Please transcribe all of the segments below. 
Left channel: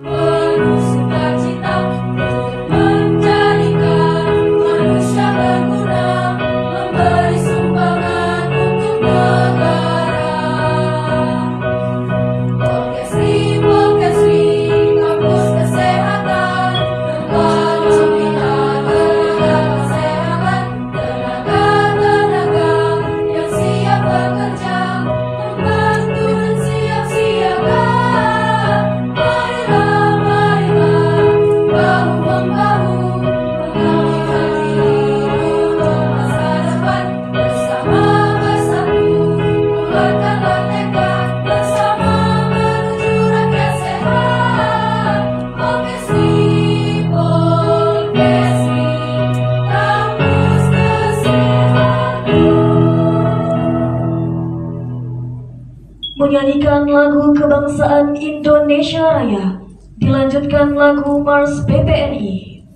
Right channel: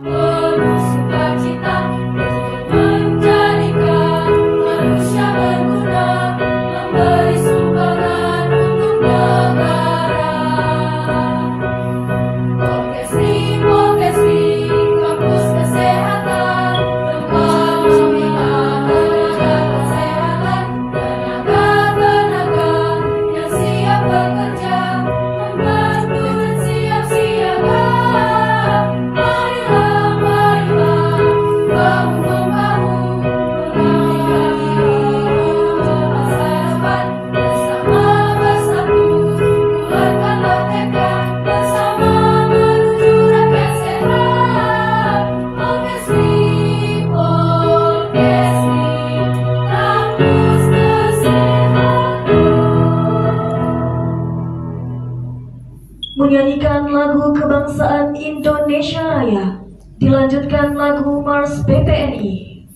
Penuh sukacita untuk menjadikan manusia berguna, memberi sumbangan untuk negara. Orkestri kampus kesehatan, tempat membina tenaga kesehatan, tenaga yang siap bekerja, membantu dan siap siaga. Menyanyikan lagu kebangsaan Indonesia Raya, dilanjutkan lagu Mars PPNI.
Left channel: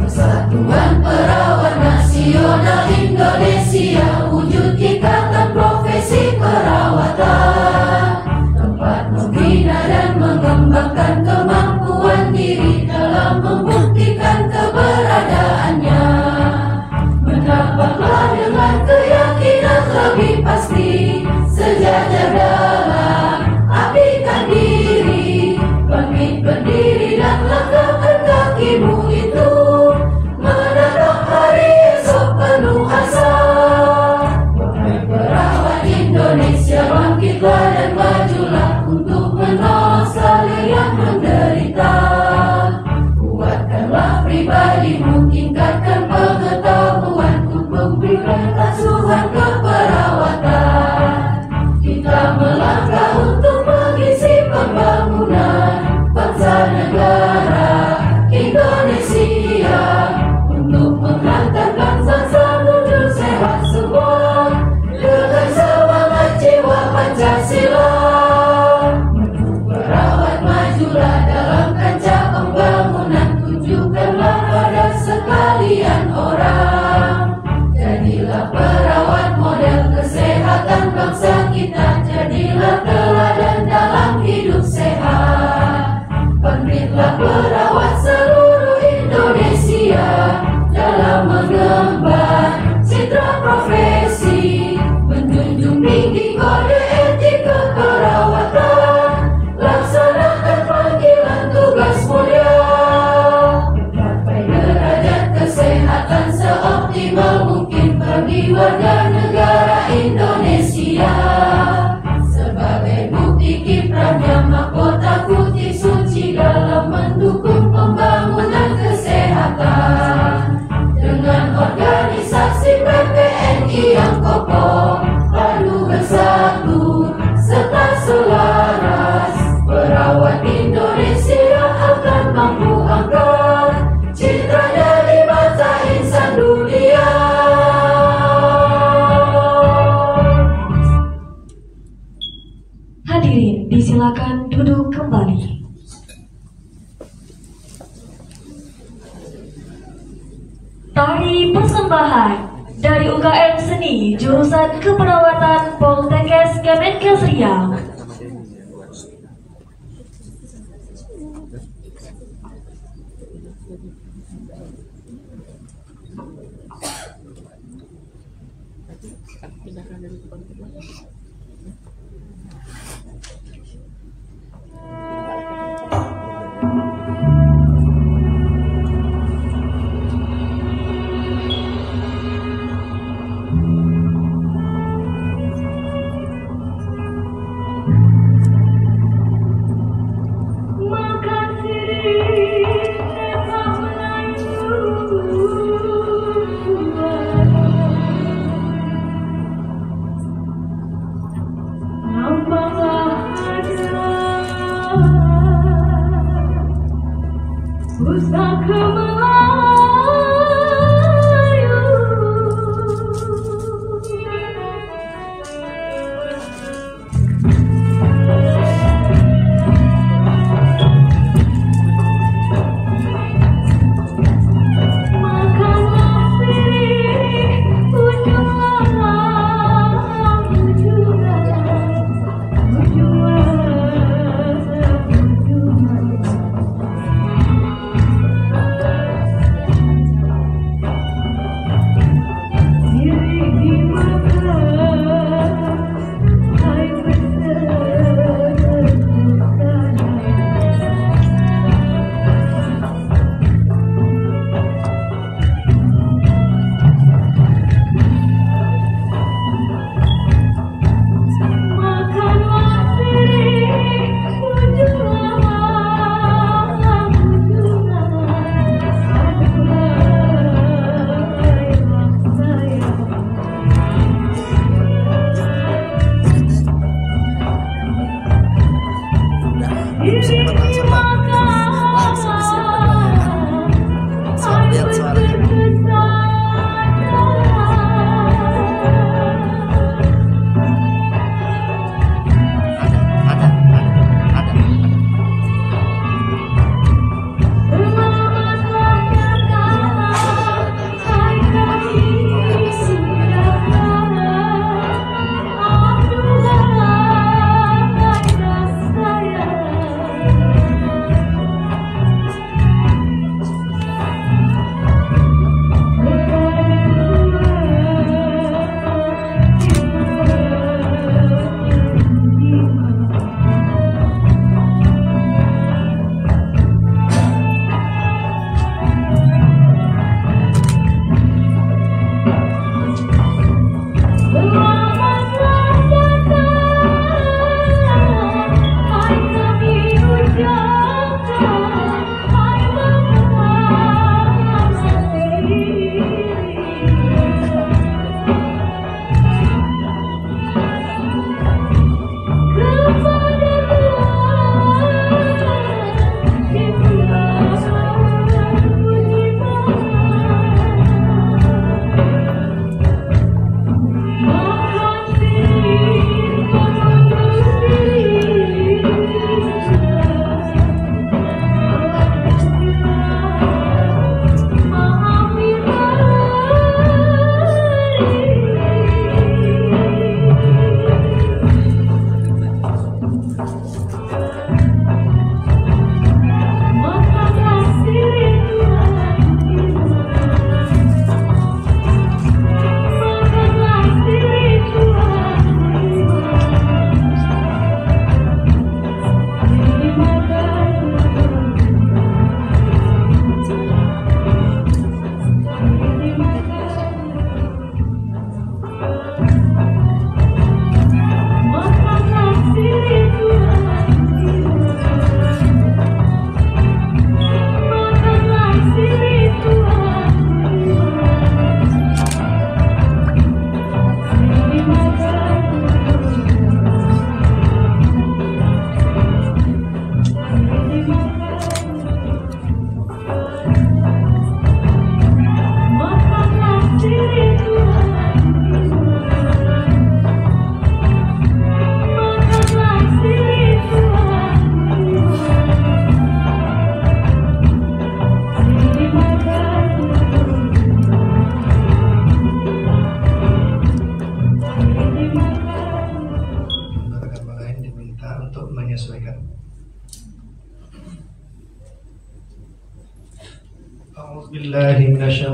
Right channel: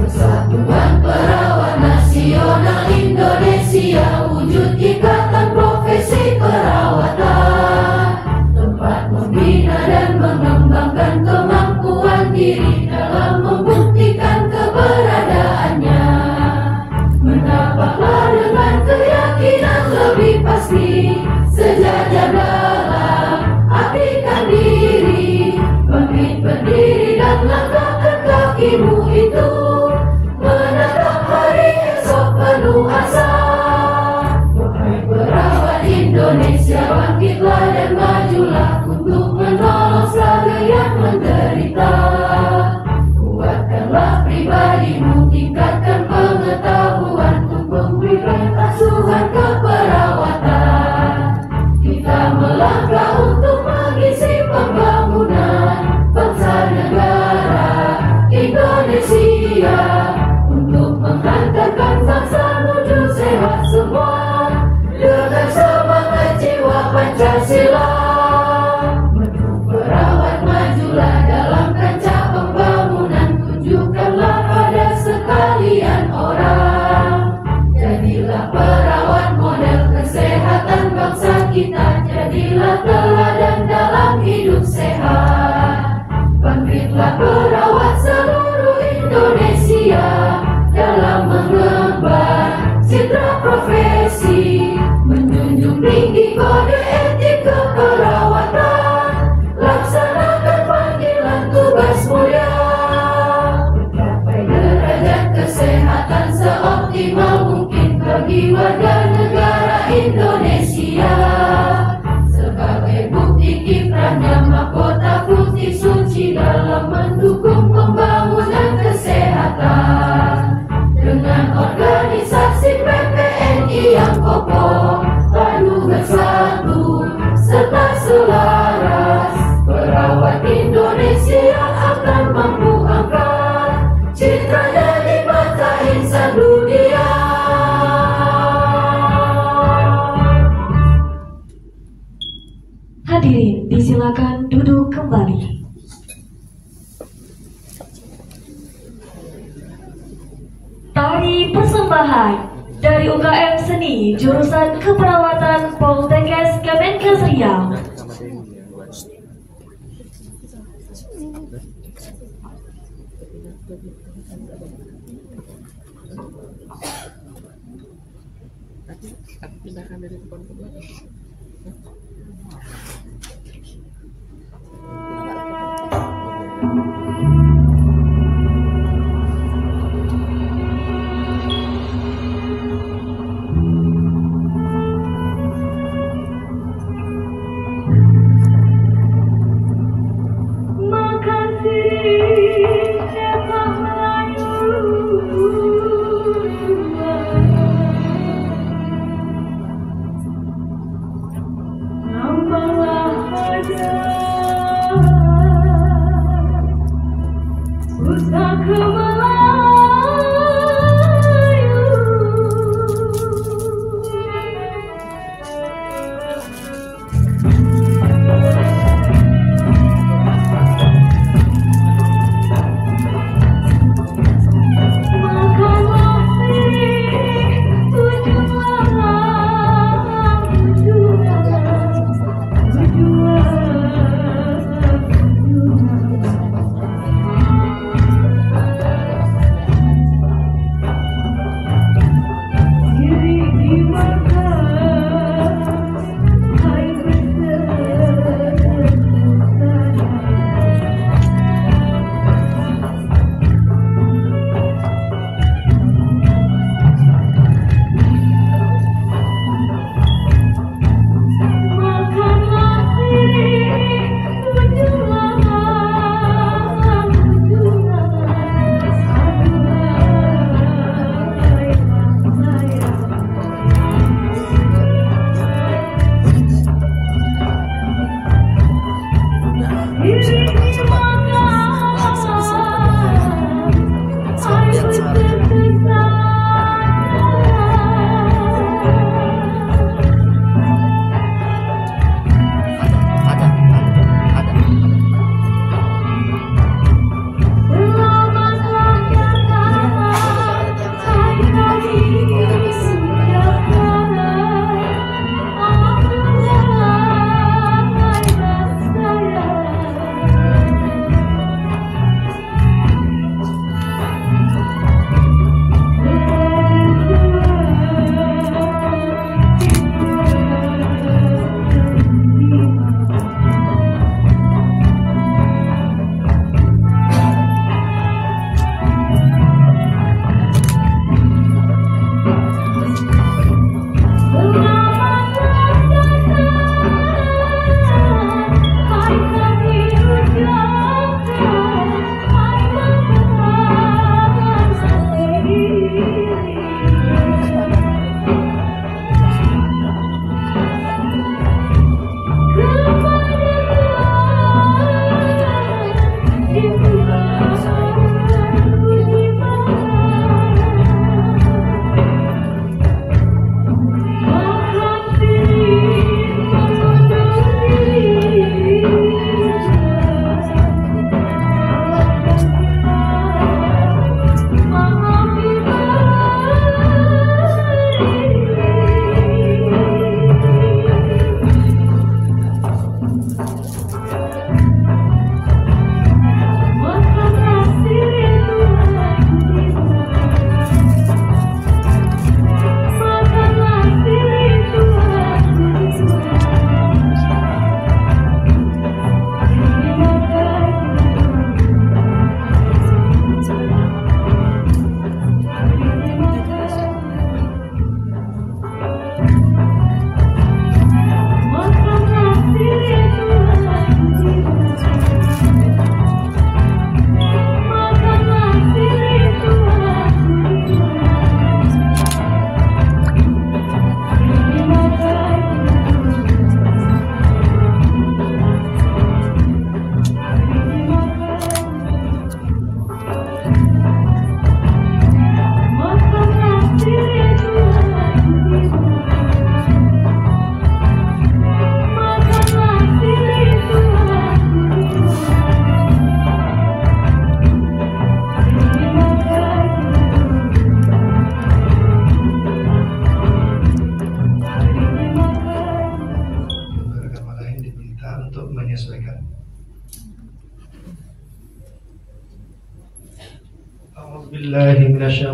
Persatuan Perawat Nasional Indonesia, wujud ikatan profesi perawatan, tempat membina dan mengembangkan kemampuan diri dalam membuktikan keberadaannya. Menapaklah dengan keyakinan lebih pasti, sejajar dalam abdikan diri, bangkit berdiri dan langkahkan kakimu itu menatap persembahan dari UKM Seni jurusan Keperawatan Poltekkes Kemenkes Riau.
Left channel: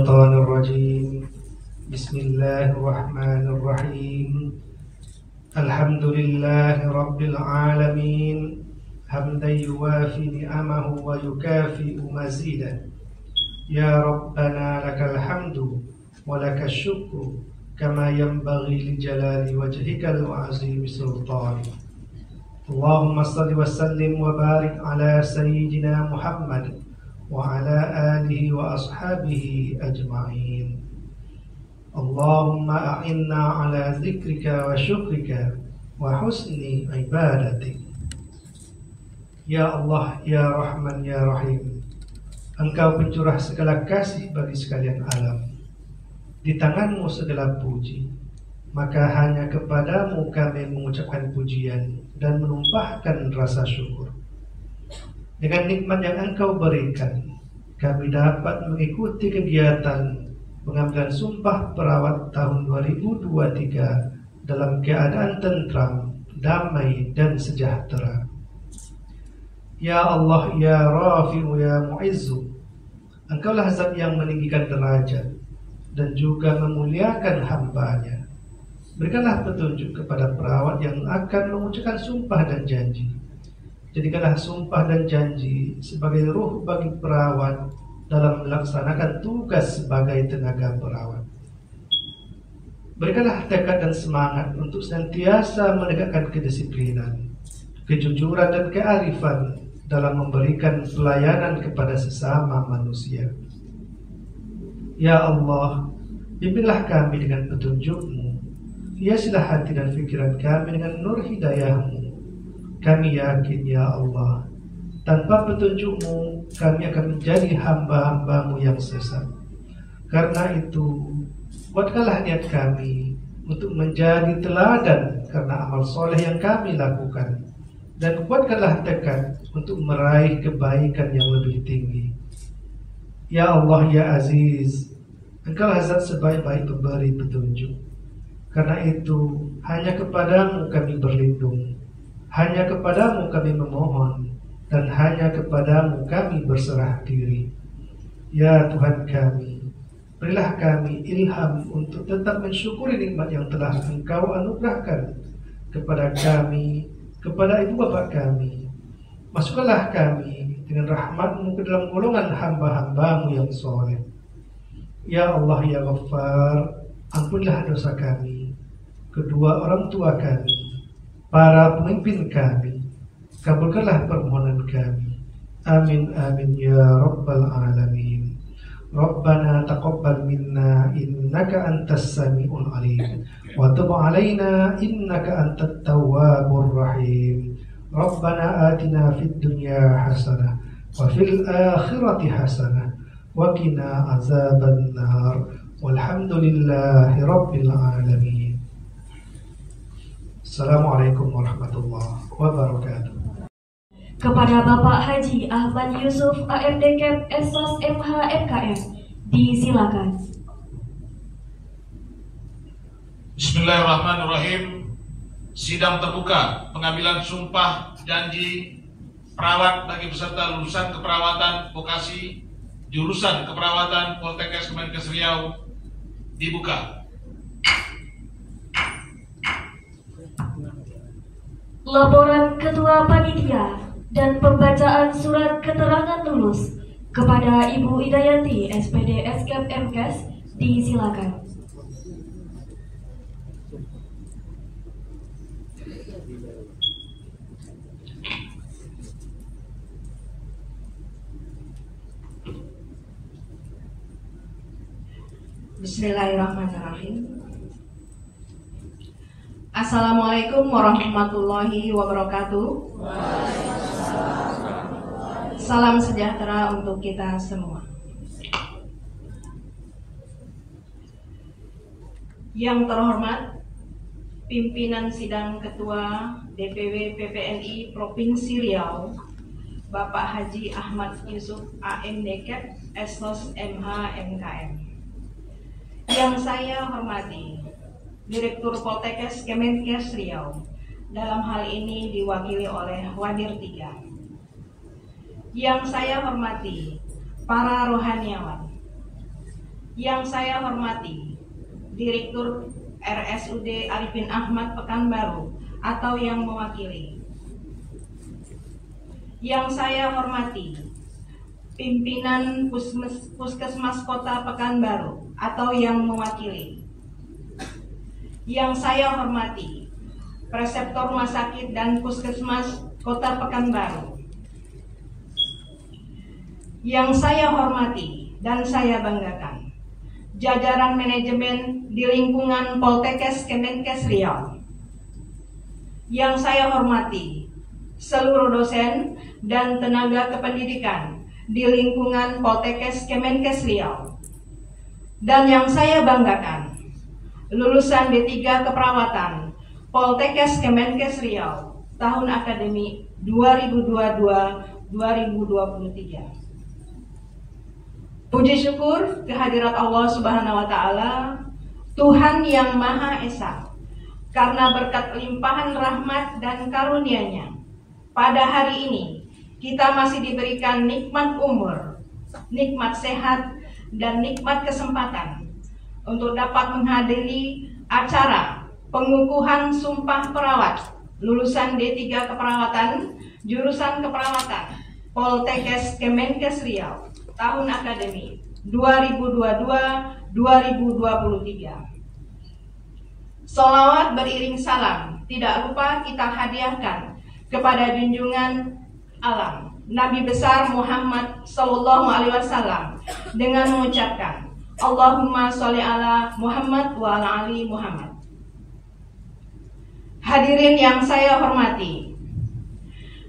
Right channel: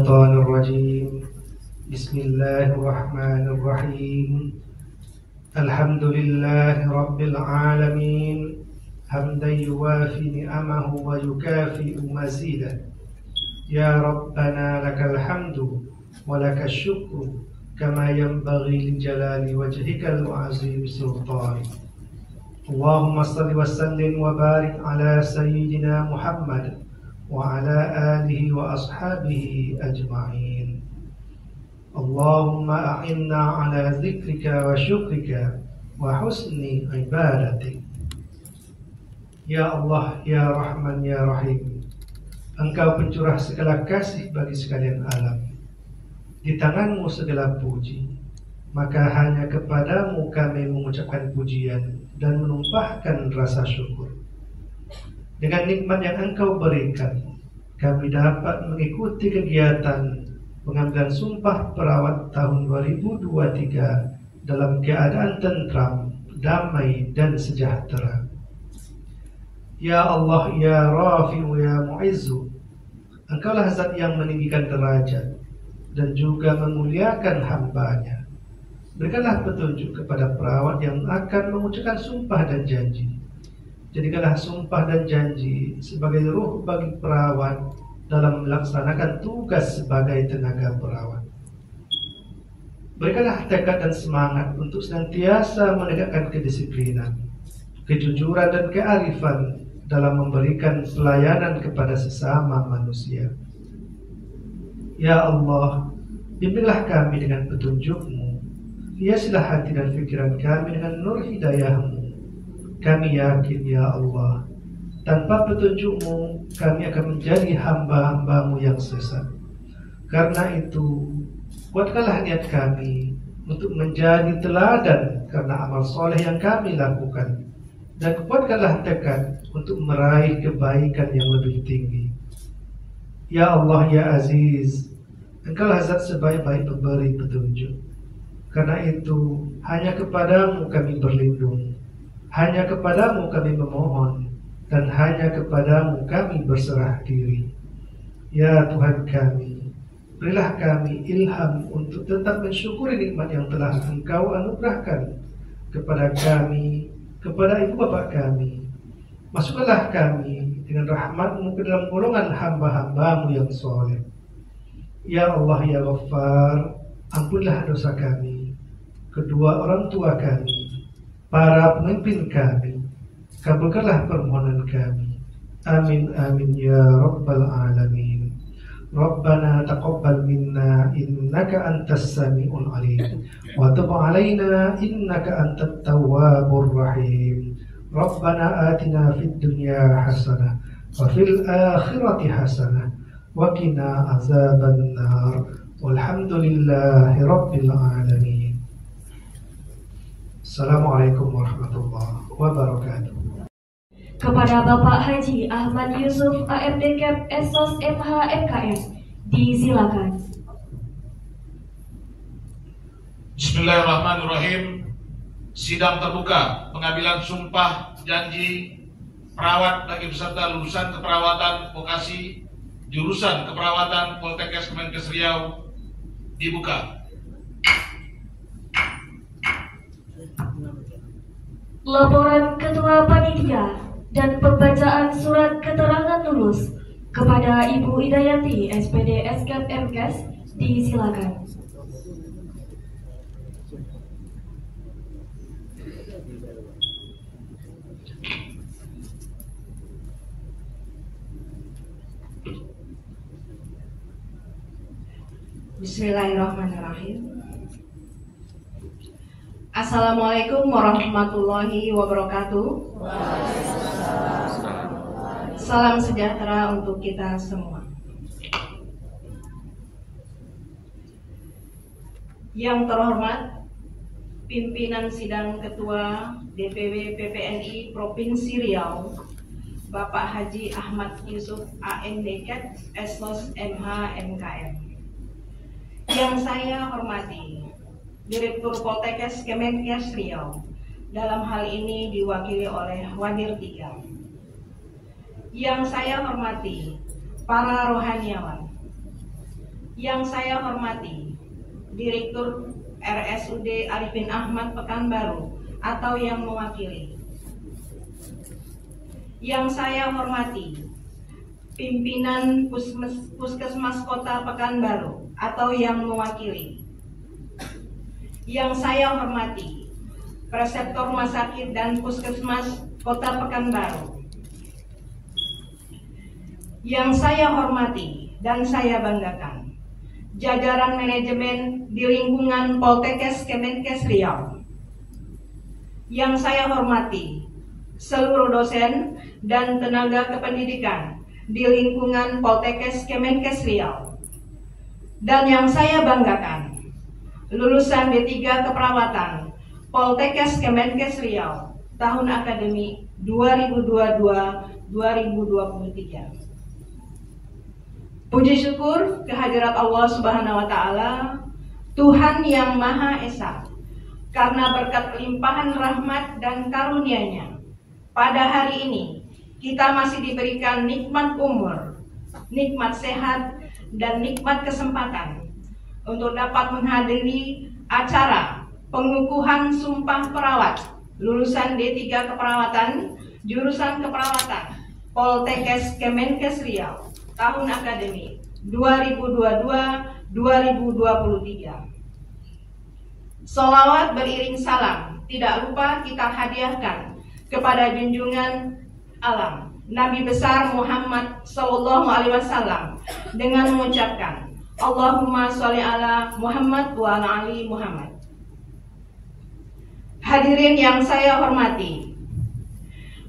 الشيطان الرجيم بسم الله الرحمن الرحيم الحمد لله رب العالمين حمدا يوافي نعمه ويكافئ مزيده يا ربنا لك الحمد ولك الشكر كما ينبغي لجلال وجهك العظيم سلطانك اللهم صل وسلم وبارك على سيدنا محمد وعلى آله وأصحابه أجمعين اللهم أعنا على ذكرك وشكرك وحسن عبادتك Ya Allah, Ya Rahman, Ya Rahim, Engkau pencurah segala kasih bagi sekalian alam. Di tanganmu segala puji, maka hanya kepadamu kami mengucapkan pujian dan menumpahkan rasa syukur. Dengan nikmat yang Engkau berikan, kami dapat mengikuti kegiatan pengambilan sumpah perawat tahun 2023 dalam keadaan tentram, damai, dan sejahtera. Ya Allah, Ya Rafi'u, Ya Mu'izzu, Engkaulah zat yang meninggikan derajat dan juga memuliakan hamba-Nya. Berikanlah petunjuk kepada perawat yang akan mengucapkan sumpah dan janji. Jadikanlah sumpah dan janji sebagai ruh bagi perawat dalam melaksanakan tugas sebagai tenaga perawat. Berikanlah tekad dan semangat untuk senantiasa menegakkan kedisiplinan, kejujuran dan kearifan dalam memberikan pelayanan kepada sesama manusia. Ya Allah, bimbinglah kami dengan petunjuk-Mu, hiasilah hati dan pikiran kami dengan nur hidayah-Mu. Kami yakin, Ya Allah, tanpa petunjuk-Mu kami akan menjadi hamba-hamba-Mu yang sesat. Karena itu, kuatkanlah niat kami untuk menjadi teladan karena amal soleh yang kami lakukan, dan kuatkanlah tekad untuk meraih kebaikan yang lebih tinggi. Ya Allah, Ya Aziz, Engkaulah zat sebaik-baik pemberi petunjuk. Karena itu, hanya kepadamu kami berlindung, hanya kepadamu kami memohon, dan hanya kepadamu kami berserah diri. Ya Tuhan kami, berilah kami ilham untuk tetap mensyukuri nikmat yang telah Engkau anugerahkan kepada kami, kepada ibu bapak kami. Masukkanlah kami dengan rahmat-Mu ke dalam golongan hamba-hamba-Mu yang soleh. Ya Allah, Ya Ghaffar, ampunilah dosa kami, kedua orang tua kami, para pemimpin kami. Kabulkanlah permohonan kami. Amin amin ya rabbal alamin. Rabbana taqabbal minna innaka antas samiul alim wa tub alaina innaka antat tawwabur rahim. Rabbana atina fid dunya hasanah wa fil akhirati hasanah wa qina azaban nar. Walhamdulillahi rabbil alamin. Assalamualaikum warahmatullahi wabarakatuh. Kepada Bapak Haji Ahmad Yusuf AMD Cap Esos MH MKM, disilakan. Bismillahirrahmanirrahim. Sidang terbuka pengambilan sumpah janji perawat bagi peserta lulusan keperawatan vokasi jurusan keperawatan Poltekkes Kemenkes Riau dibuka. Laporan Ketua Panitia dan pembacaan surat keterangan lulus kepada Ibu Idayati SPD Eskep MKes, disilakan. Bismillahirrahmanirrahim. Assalamualaikum warahmatullahi wabarakatuh. Salam sejahtera untuk kita semua. Yang terhormat Pimpinan Sidang Ketua DPW PPNI Provinsi Riau, Bapak Haji Ahmad Yusuf AMD Cap Esos MH MKM. Yang saya hormati Direktur Poltekkes Kemenkes Riau, dalam hal ini diwakili oleh Wadir 3. Yang saya hormati para rohaniawan, Yang saya hormati Direktur RSUD Arifin Ahmad Pekanbaru atau yang mewakili. Yang saya hormati Pimpinan Puskesmas Kota Pekanbaru atau yang mewakili. Yang saya hormati Preseptor Rumah Sakit dan Puskesmas Kota Pekanbaru. Yang saya hormati dan saya banggakan jajaran manajemen di lingkungan Poltekkes Kemenkes Riau. Yang saya hormati seluruh dosen dan tenaga kependidikan di lingkungan Poltekkes Kemenkes Riau. Dan yang saya banggakan lulusan D3 Keperawatan Poltekkes Kemenkes Riau tahun akademik 2022-2023. Puji syukur kehadirat Allah Subhanahu wa Ta'ala, Tuhan yang Maha Esa, karena berkat limpahan rahmat dan karunia-Nya, pada hari ini kita masih diberikan nikmat umur, nikmat sehat, dan nikmat kesempatan untuk dapat menghadiri acara pengukuhan Sumpah Perawat lulusan D3 Keperawatan, jurusan Keperawatan Poltekkes Kemenkes Riau tahun akademik 2022-2023. Sholawat beriring salam tidak lupa kita hadiahkan kepada junjungan alam Nabi besar Muhammad Sallallahu Alaihi Wasallam dengan mengucapkan Allahumma sholli ala Muhammad wa ala ali Muhammad. Hadirin yang saya hormati,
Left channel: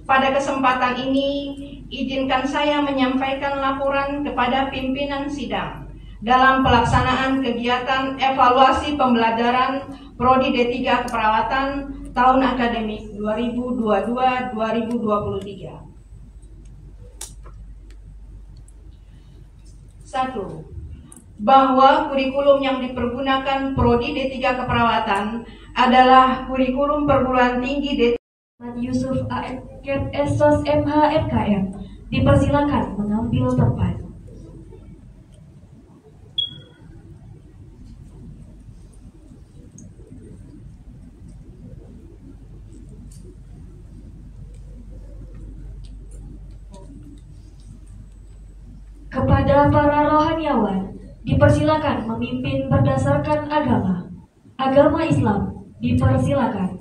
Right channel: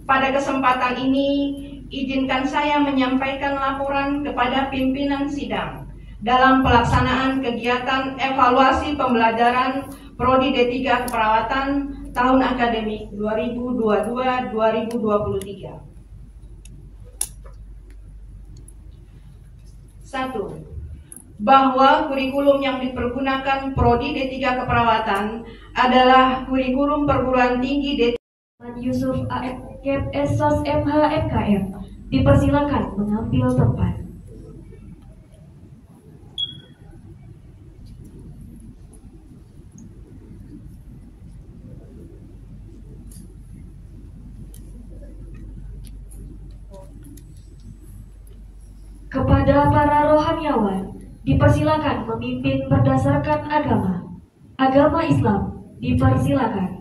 pada kesempatan ini izinkan saya menyampaikan laporan kepada pimpinan sidang dalam pelaksanaan kegiatan evaluasi pembelajaran Prodi D3 Keperawatan tahun akademik 2022-2023. 1. Bahwa kurikulum yang dipergunakan Prodi D3 Keperawatan adalah kurikulum perguruan tinggi D3 Yusuf AFKEP Esos MH FKM. Dipersilakan mengambil tempat. Kepada para rohaniawan, dipersilakan memimpin berdasarkan agama. Agama Islam dipersilakan.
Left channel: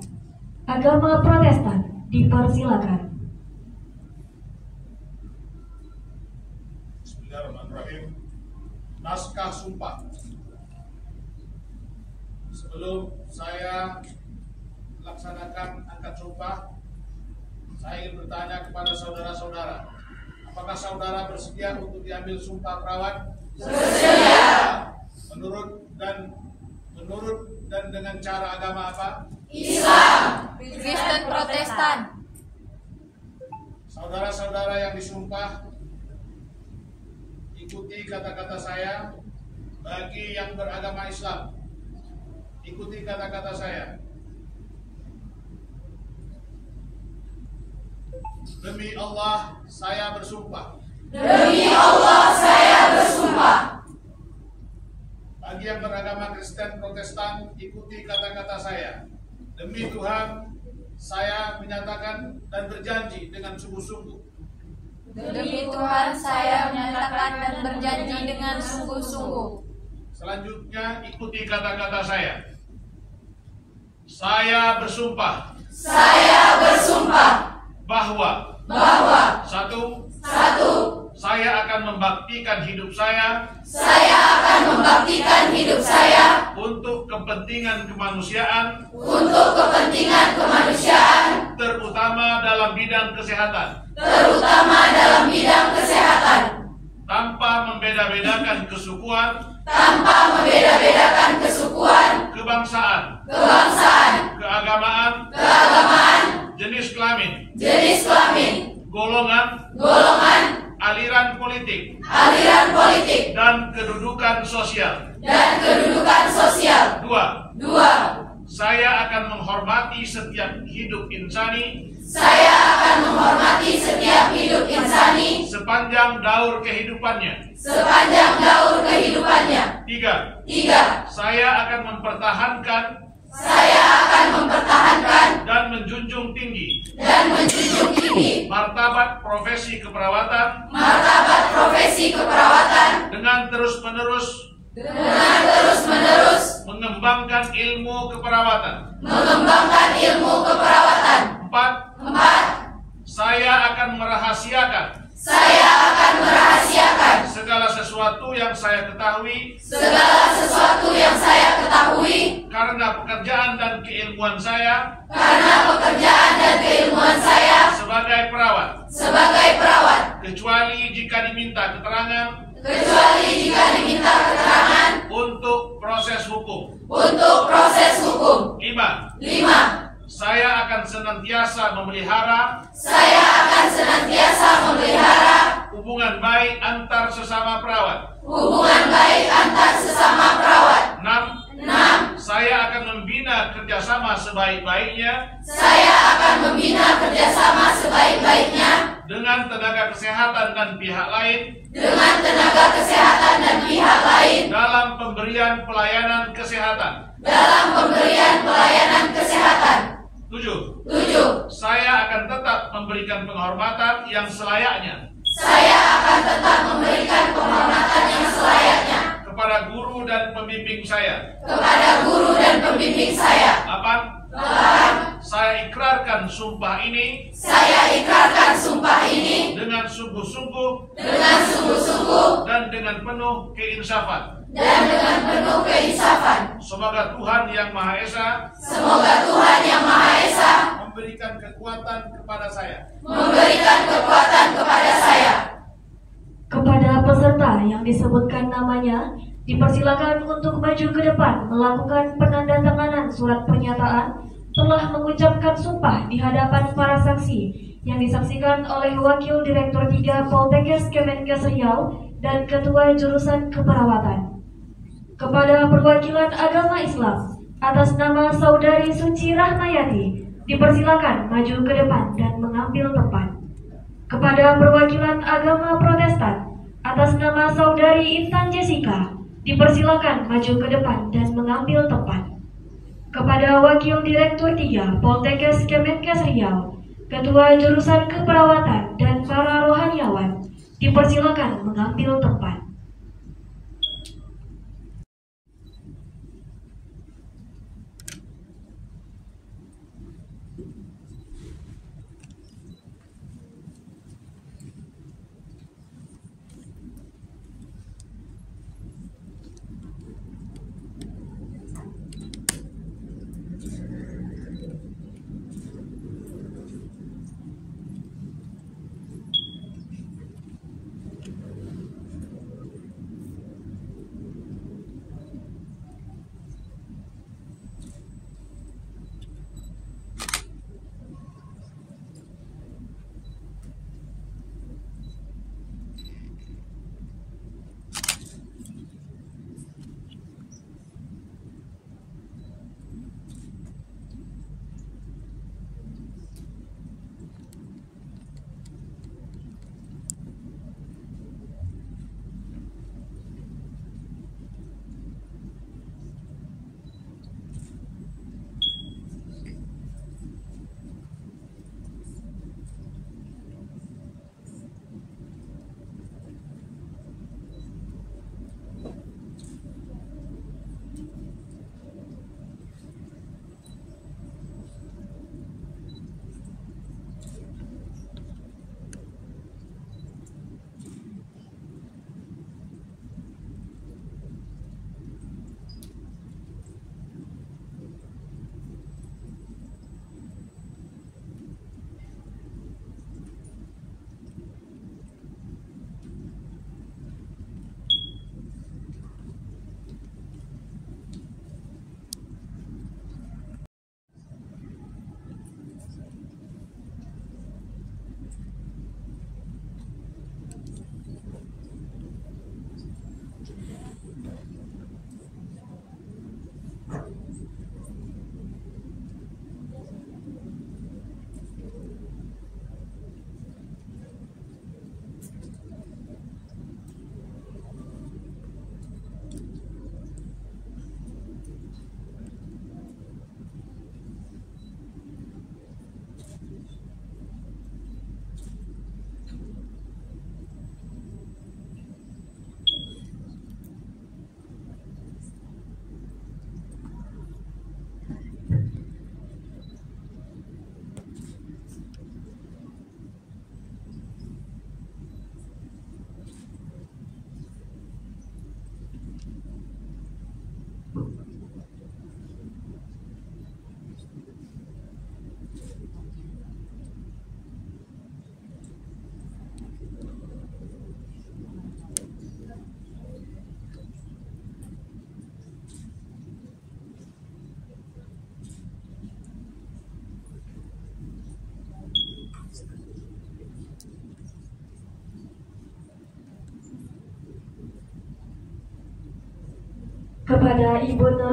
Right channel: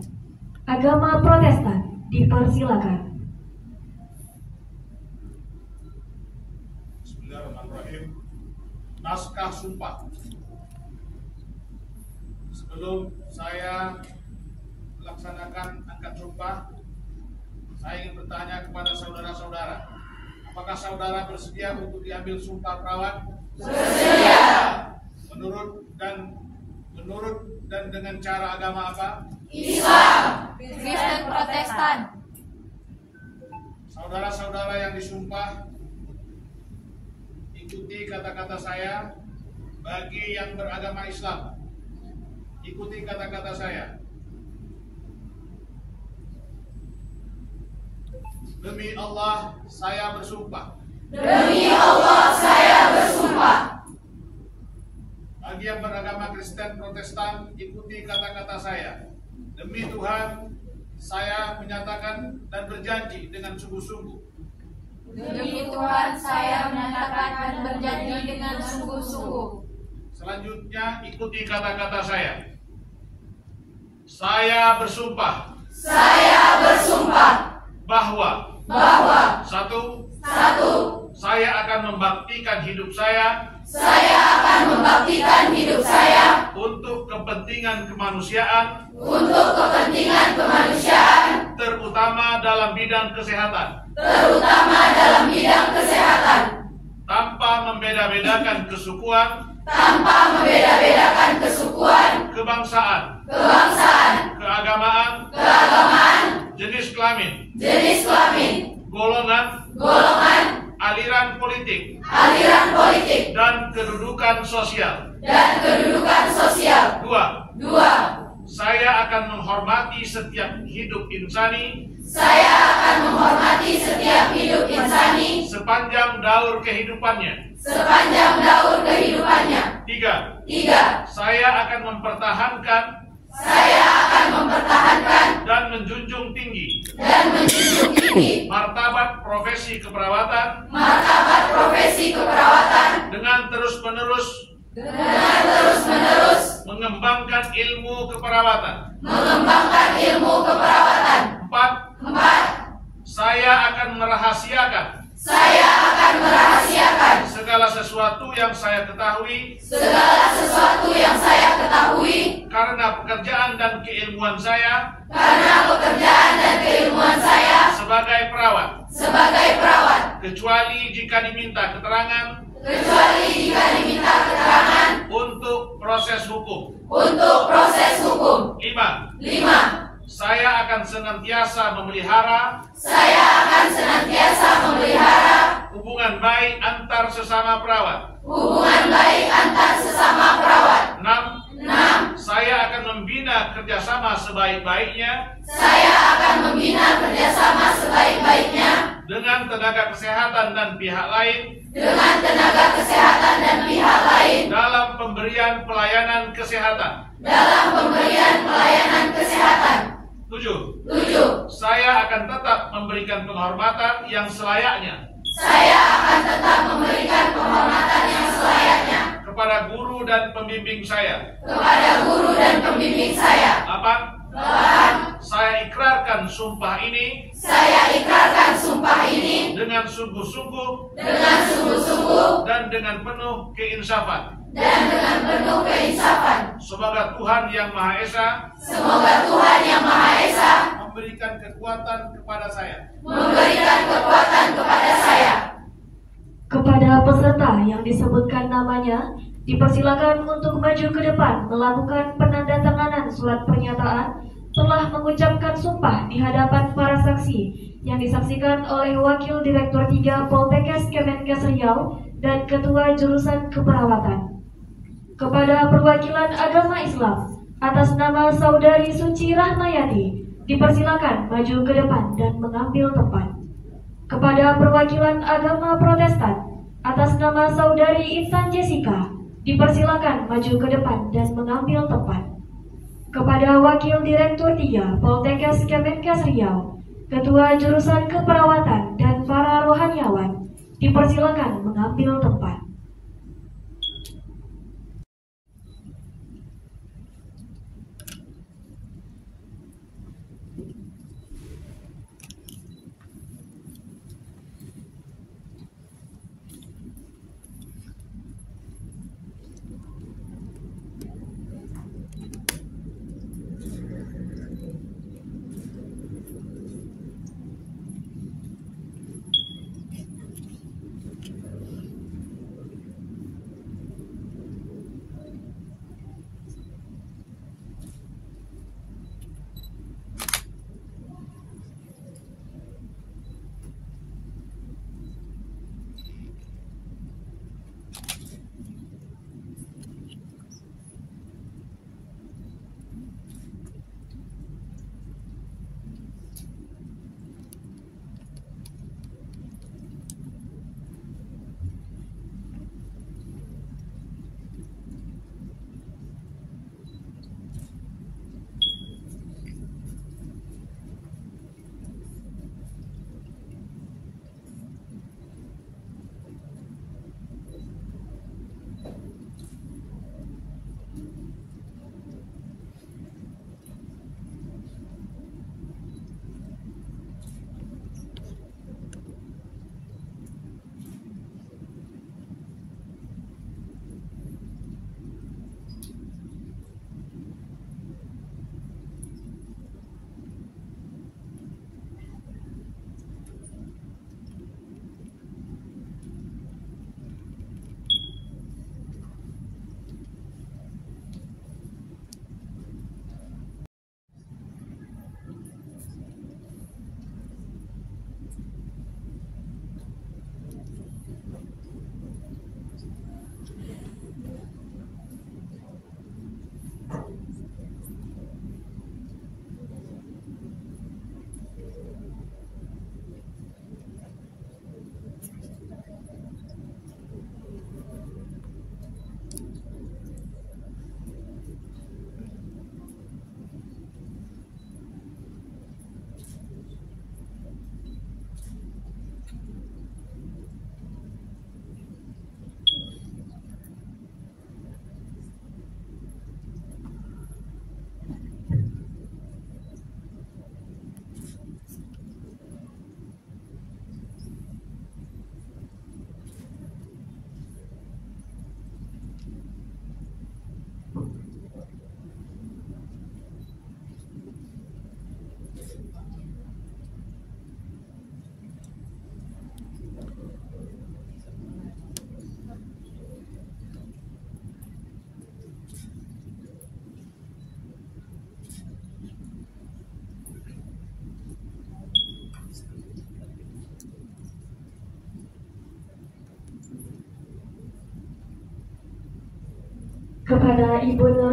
Agama Protestan dipersilakan. Bismillahirrahmanirrahim. Naskah sumpah. Sebelum saya melaksanakan angkat sumpah, saya ingin bertanya kepada saudara-saudara, apakah saudara bersedia untuk diambil sumpah perawat? Bersedia. Menurut dan dengan cara agama apa? Islam, Kristen Protestan. Saudara-saudara yang disumpah, ikuti kata-kata saya. Bagi yang beragama Islam, ikuti kata-kata saya. Demi Allah, saya bersumpah. Demi Allah, saya bersumpah. Bagi yang beragama Kristen Protestan, ikuti kata-kata saya. Demi Tuhan, saya menyatakan dan berjanji dengan sungguh-sungguh. Demi Tuhan, saya menyatakan dan berjanji dengan sungguh-sungguh. Selanjutnya, ikuti kata-kata saya. Saya bersumpah. Saya bersumpah Bahwa Satu, saya akan membaktikan hidup saya untuk kepentingan kemanusiaan, terutama dalam bidang kesehatan, tanpa membeda-bedakan kesukuan, kebangsaan, keagamaan, jenis kelamin, golongan, aliran politik, dan kedudukan sosial. Dua, saya akan menghormati setiap hidup insani Saya akan menghormati setiap hidup insani sepanjang daur kehidupannya. sepanjang daur kehidupannya. 3. Saya akan mempertahankan dan menjunjung tinggi martabat profesi keperawatan dengan terus-menerus mengembangkan ilmu keperawatan. 4. Saya akan merahasiakan segala sesuatu yang saya ketahui karena pekerjaan dan keilmuan saya sebagai perawat, kecuali jika diminta keterangan untuk proses hukum. 5. Saya akan senantiasa memelihara hubungan baik antar sesama perawat. 6. Saya akan membina kerjasama sebaik-baiknya dengan tenaga kesehatan dan pihak lain dalam pemberian pelayanan kesehatan. 7. Saya akan tetap memberikan penghormatan yang selayaknya kepada guru dan pembimbing saya. 8. Saya ikrarkan sumpah ini dengan sungguh-sungguh dan dengan penuh keinsafan. Semoga Tuhan Yang Maha Esa memberikan kekuatan kepada saya. Kepada peserta yang disebutkan namanya, dipersilakan untuk maju ke depan melakukan penandatanganan surat pernyataan telah mengucapkan sumpah di hadapan para saksi yang disaksikan oleh Wakil Direktur 3 Poltekkes Kemenkes Riau dan Ketua Jurusan Keperawatan. Kepada perwakilan agama Islam atas nama Saudari Suci Rahmayati, dipersilakan maju ke depan dan mengambil tempat. Kepada perwakilan agama Protestan atas nama Saudari Intan Jessica, dipersilakan maju ke depan dan mengambil tempat. Kepada Wakil Direktur 3 Poltekkes Kemenkes Riau, Ketua Jurusan Keperawatan dan para rohaniawan, dipersilakan mengambil tempat.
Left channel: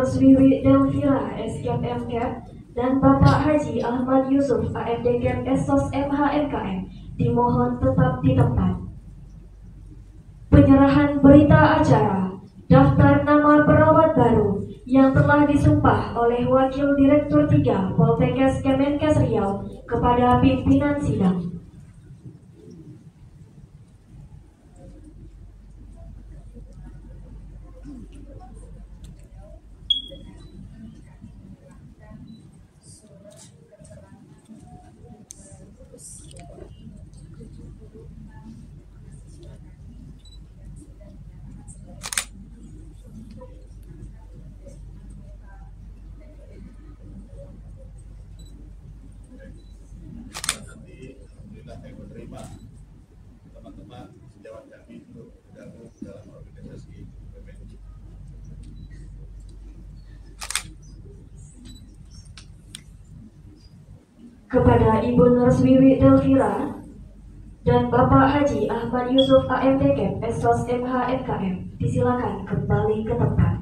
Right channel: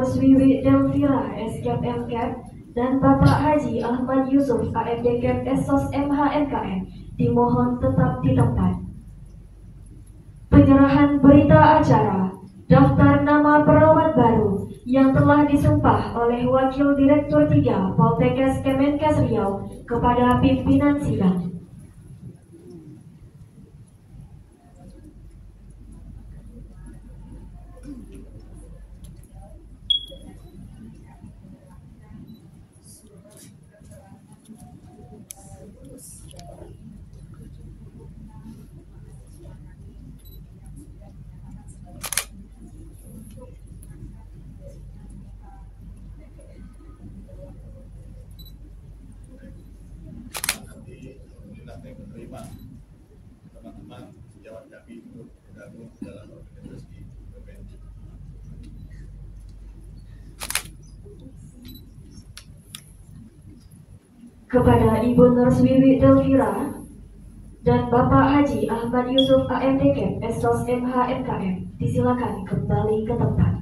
Nurse Wiwi Delvira SKEP MKEP dan Bapak Haji Ahmad Yusuf AMDKEP SOS MHMKM dimohon tetap di tempat. Penyerahan berita acara daftar nama perawat baru yang telah disumpah oleh Wakil Direktur 3 Poltekkes Kemenkes Riau kepada pimpinan sidang. Alhamdulillah saya menerima teman-teman sejawat kami untuk bergabung dalam organisasi Kemenkes. Kepada Ibu Nurse Wiwi Delvira dan Bapak Haji Ahmad Yusuf AMDKEP SOS MHMKM disilakan kembali ke tempat.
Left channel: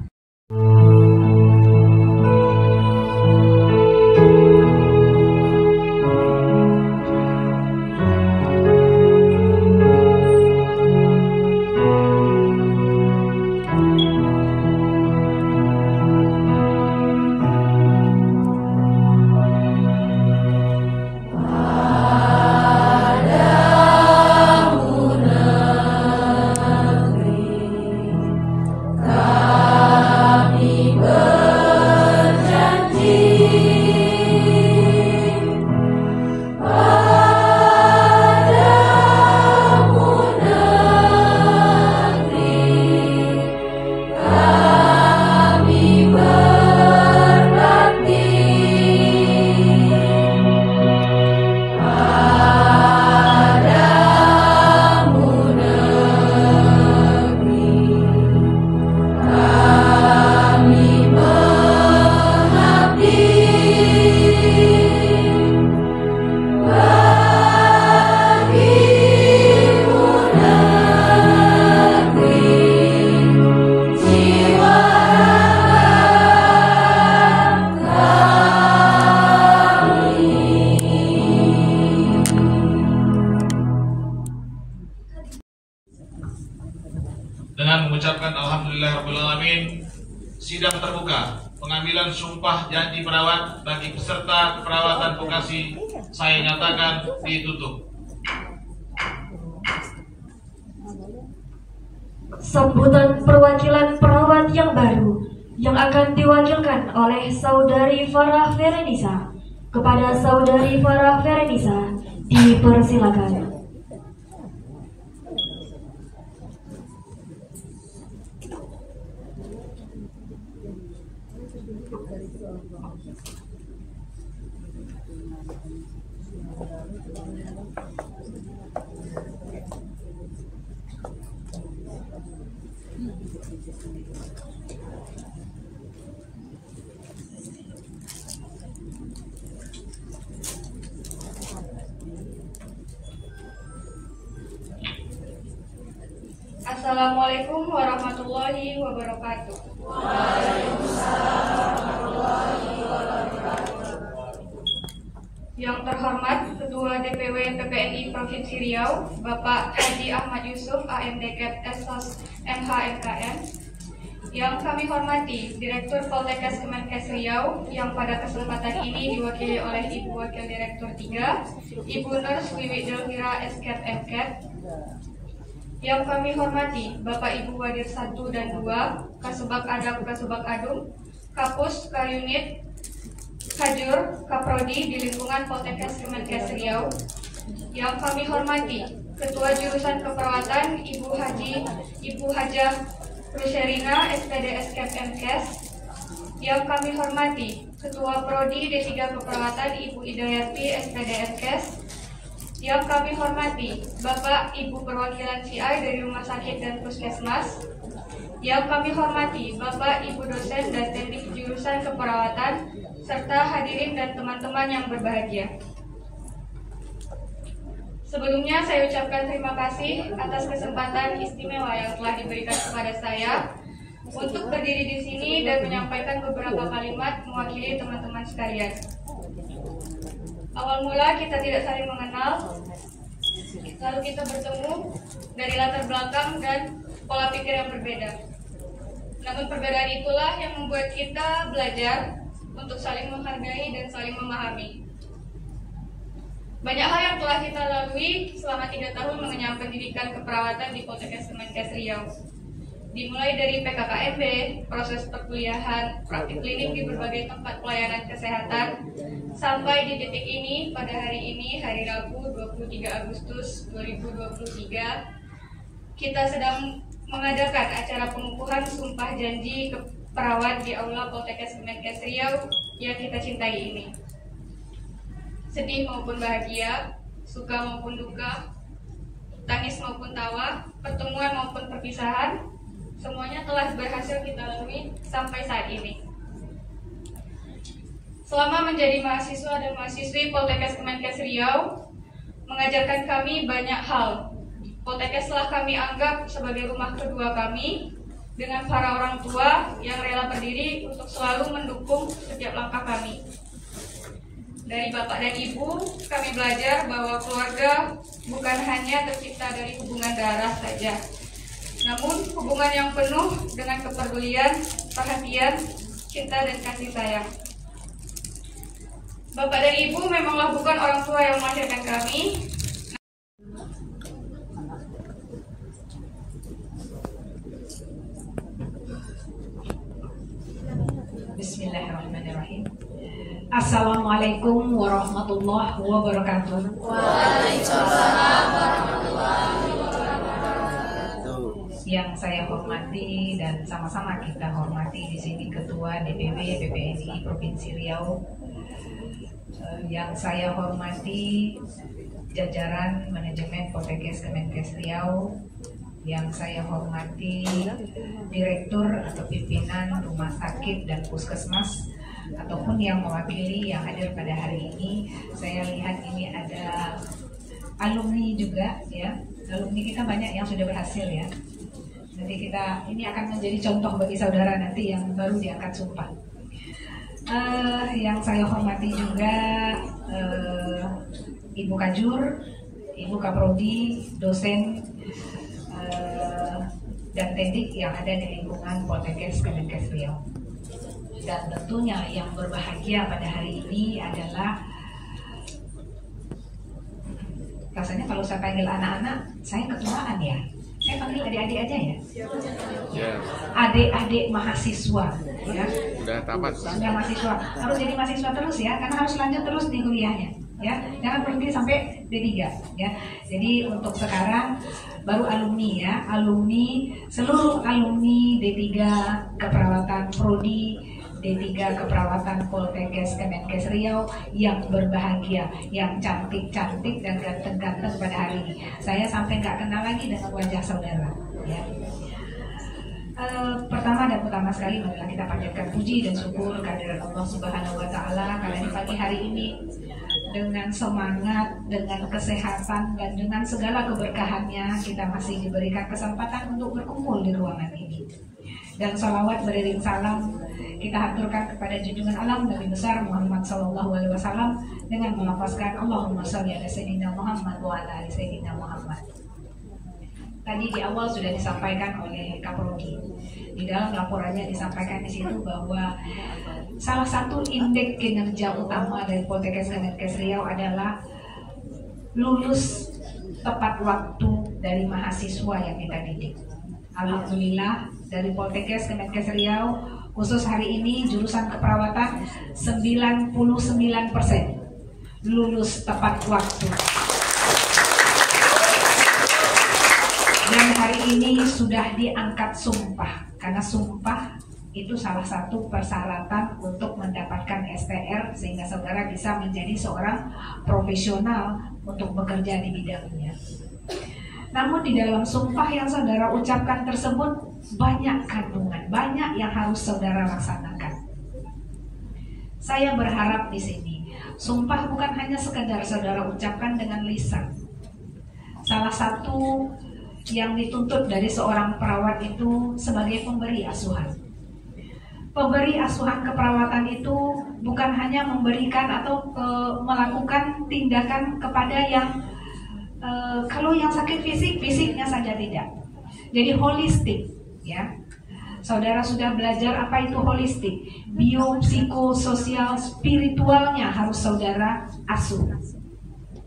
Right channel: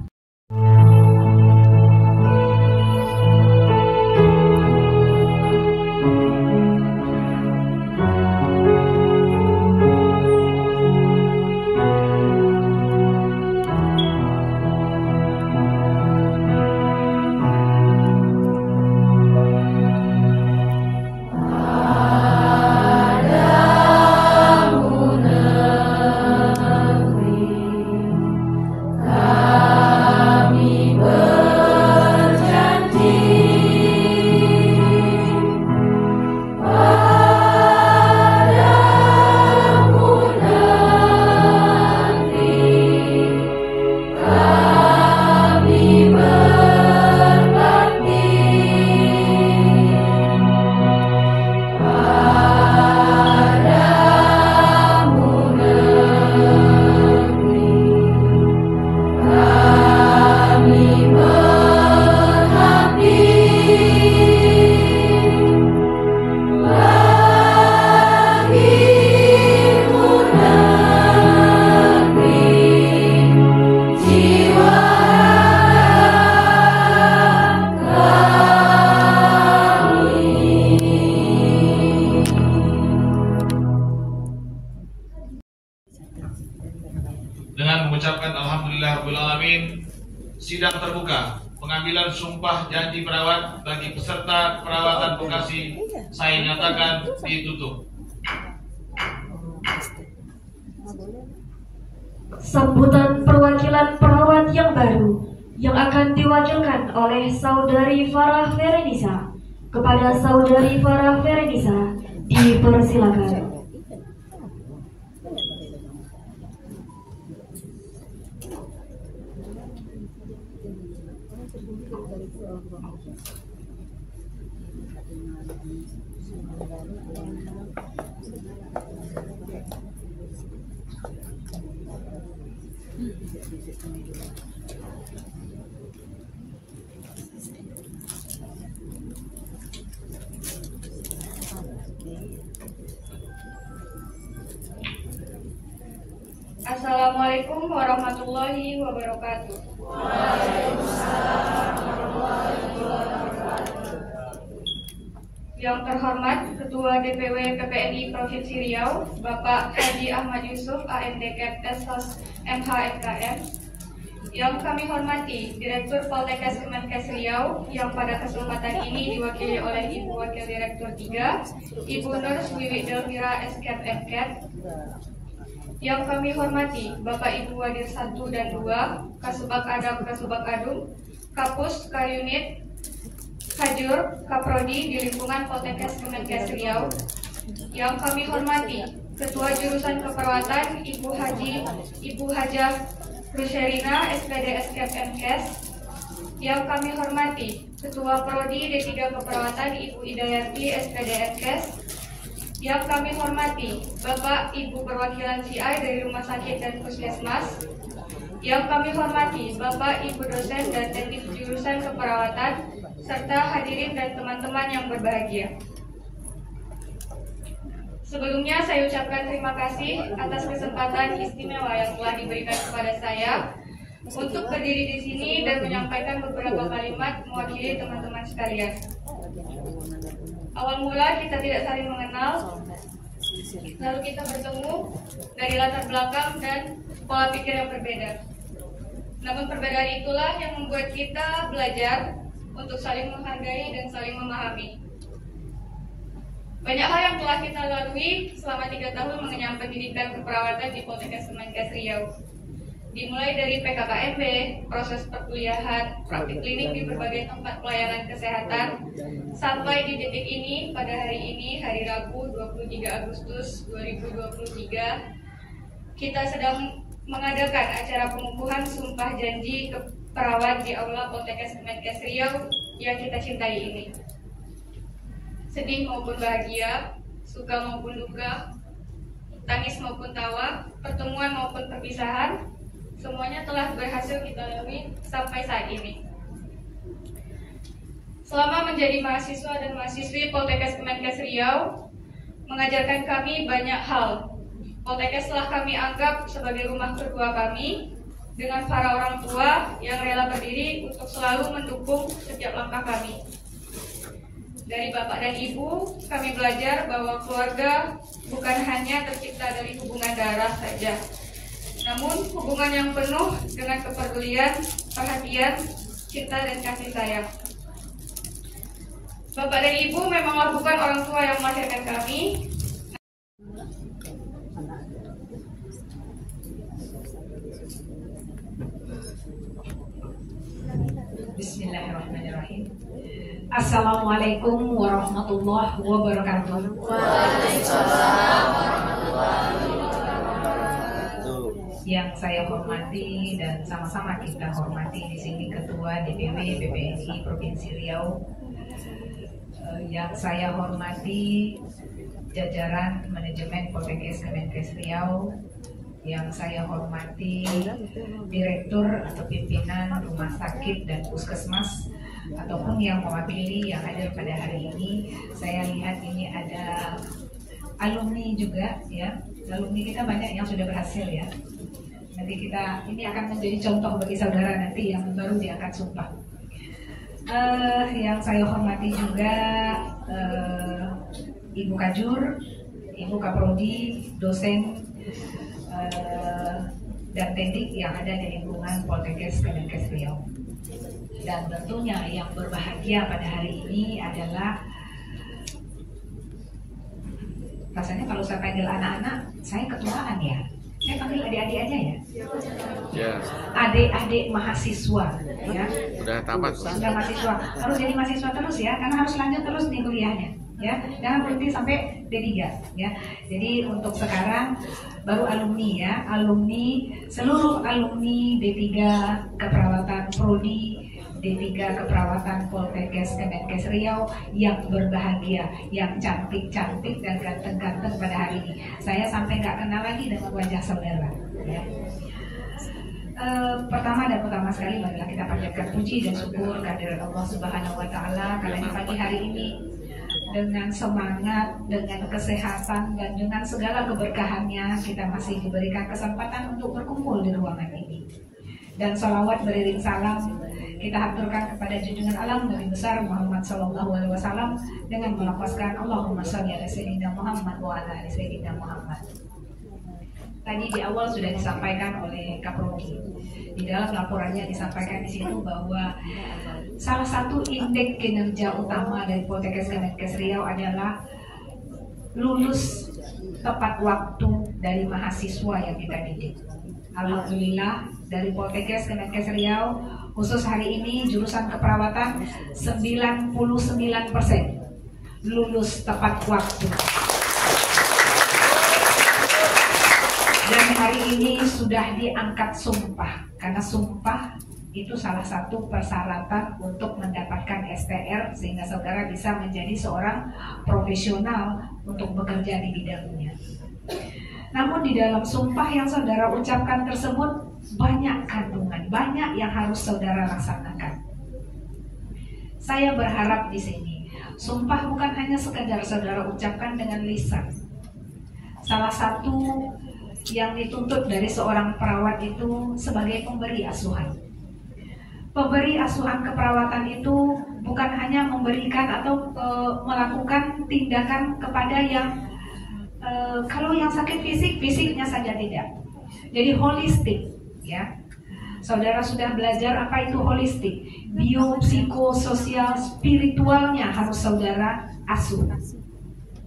Dengan mengucapkan Alhamdulillahirrahmanirrahim, sidang terbuka pengambilan sumpah janji perawat bagi peserta perawatan Bekasi saya nyatakan ditutup. Sambutan perwakilan perawat yang baru yang akan diwakilkan oleh Saudari Farah Ferenisa. Kepada Saudari Farah Ferenisa dipersilakan. Assalamualaikum warahmatullahi wabarakatuh. Yang terhormat Ketua DPW PPNI Provinsi Riau, Bapak Haji Ahmad Yusuf AMDKEP SOS MHMKM. Yang kami hormati Direktur Poltekkes Kemenkes Riau yang pada kesempatan ini diwakili oleh Ibu Wakil Direktur 3, Ibu Nurse Wiwi Delvira SKEP MKEP. Yang kami hormati Bapak Ibu Wadir 1 dan 2, Kasubag Adab Kasubag Adum, Kapus, Kayunit, Kajur, Kaprodi di lingkungan Poltekkes Kemenkes Riau. Yang kami hormati Ketua Jurusan Keperawatan Ibu Hajah Rusherina SPD SKEP MKes. Yang kami hormati Ketua Prodi D3 Keperawatan Ibu Idayati SPD MKes. Yang kami hormati Bapak Ibu perwakilan CI dari Rumah Sakit dan Puskesmas. Yang kami hormati Bapak Ibu dosen dan teknik jurusan keperawatan serta hadirin dan teman-teman yang berbahagia. Sebelumnya saya ucapkan terima kasih atas kesempatan istimewa yang telah diberikan kepada saya untuk berdiri di sini dan menyampaikan beberapa kalimat mewakili teman-teman sekalian. Awal mula kita tidak saling mengenal, lalu kita bertemu dari latar belakang dan pola pikir yang berbeda. Namun perbedaan itulah yang membuat kita belajar untuk saling menghargai dan saling memahami. Banyak hal yang telah kita lalui selama 3 tahun mengenyam pendidikan keperawatan di Poltekkes Kemenkes Riau. Dimulai dari PKKMB, proses perkuliahan, praktik klinik di berbagai tempat pelayanan kesehatan, sampai di titik ini pada hari ini, hari Rabu 23 Agustus 2023, kita sedang mengadakan acara pengukuhan sumpah janji perawat di Aula Poltekkes Kemenkes Riau yang kita cintai ini. Sedih maupun bahagia, suka maupun duka, tangis maupun tawa, pertemuan maupun perpisahan, semuanya telah berhasil kita lalui sampai saat ini. Selama menjadi mahasiswa dan mahasiswi Poltekkes Kemenkes Riau, mengajarkan kami banyak hal. Poltekkes telah kami anggap sebagai rumah kedua kami, dengan para orang tua yang rela berdiri untuk selalu mendukung setiap langkah kami. Dari Bapak dan Ibu, kami belajar bahwa keluarga bukan hanya tercipta dari hubungan darah saja, namun hubungan yang penuh dengan kepedulian, perhatian, cinta, dan kasih sayang. Bapak dan Ibu memanglah bukan orang tua yang melahirkan kami. Bismillahirrahmanirrahim. Assalamualaikum warahmatullahi wabarakatuh. Waalaikumsalam warahmatullahi wabarakatuh. Yang saya hormati dan sama-sama kita hormati di sini Ketua DPW PPNI Provinsi Riau, yang saya hormati jajaran manajemen Poltekkes Kemenkes Riau, yang saya hormati direktur atau pimpinan rumah sakit dan puskesmas ataupun yang mewakili yang hadir pada hari ini. Saya lihat ini ada alumni juga ya. Alumni kita banyak yang sudah berhasil ya. Nanti kita ini akan menjadi contoh bagi saudara nanti yang baru diangkat sumpah. Yang saya hormati juga Ibu Kajur, Ibu Kaprodi, dosen dan teknik yang ada di lingkungan Poltekkes Kemenkes Riau. Dan tentunya yang berbahagia pada hari ini adalah, rasanya kalau saya panggil anak-anak, saya ketuaan ya. Saya panggil adik-adik aja ya. Adik-adik mahasiswa ya. Udah tamat. Sudah mahasiswa. Harus jadi mahasiswa terus ya, karena harus lanjut terus nih kuliahnya. Ya, jangan berhenti sampai D3 ya. Jadi untuk sekarang baru alumni ya, seluruh alumni D3 keperawatan prodi, D3 keperawatan Poltekkes Kemenkes Riau yang berbahagia, yang cantik-cantik dan ganteng-ganteng pada hari ini. Saya sampai nggak kenal lagi dengan wajah saudara ya. Pertama dan utama sekali marilah kita panjatkan puji dan syukur kehadirat Allah Subhanahu wa taala karena di pagi hari ini dengan semangat, dengan kesehatan, dan dengan segala keberkahannya kita masih diberikan kesempatan untuk berkumpul di ruangan ini. Dan sholawat beriring salam kita haturkan kepada junjungan alam Nabi besar Muhammad SAW dengan melafazkan Allahumma sholli ala sayyidina Muhammad wa ala ali sayyidina Muhammad. Tadi di awal sudah disampaikan oleh Kaprodi. Di dalam laporannya disampaikan di situ bahwa salah satu indeks kinerja utama dari Poltekkes Kemenkes Riau adalah lulus tepat waktu dari mahasiswa yang kita didik. Alhamdulillah dari Poltekkes Kemenkes Riau khusus hari ini jurusan keperawatan 99% lulus tepat waktu. Dan hari ini sudah diangkat sumpah, karena sumpah itu salah satu persyaratan untuk mendapatkan STR sehingga saudara bisa menjadi seorang profesional untuk bekerja di bidangnya. Namun di dalam sumpah yang saudara ucapkan tersebut banyak kandungan, banyak yang harus saudara laksanakan. Saya berharap di sini sumpah bukan hanya sekadar saudara ucapkan dengan lisan. Salah satu yang dituntut dari seorang perawat itu sebagai pemberi asuhan. Pemberi asuhan keperawatan itu bukan hanya memberikan atau melakukan tindakan kepada yang kalau yang sakit fisiknya saja tidak. Jadi holistik, ya. Saudara sudah belajar apa itu holistik? Bio, psikososial, spiritualnya harus saudara asuh.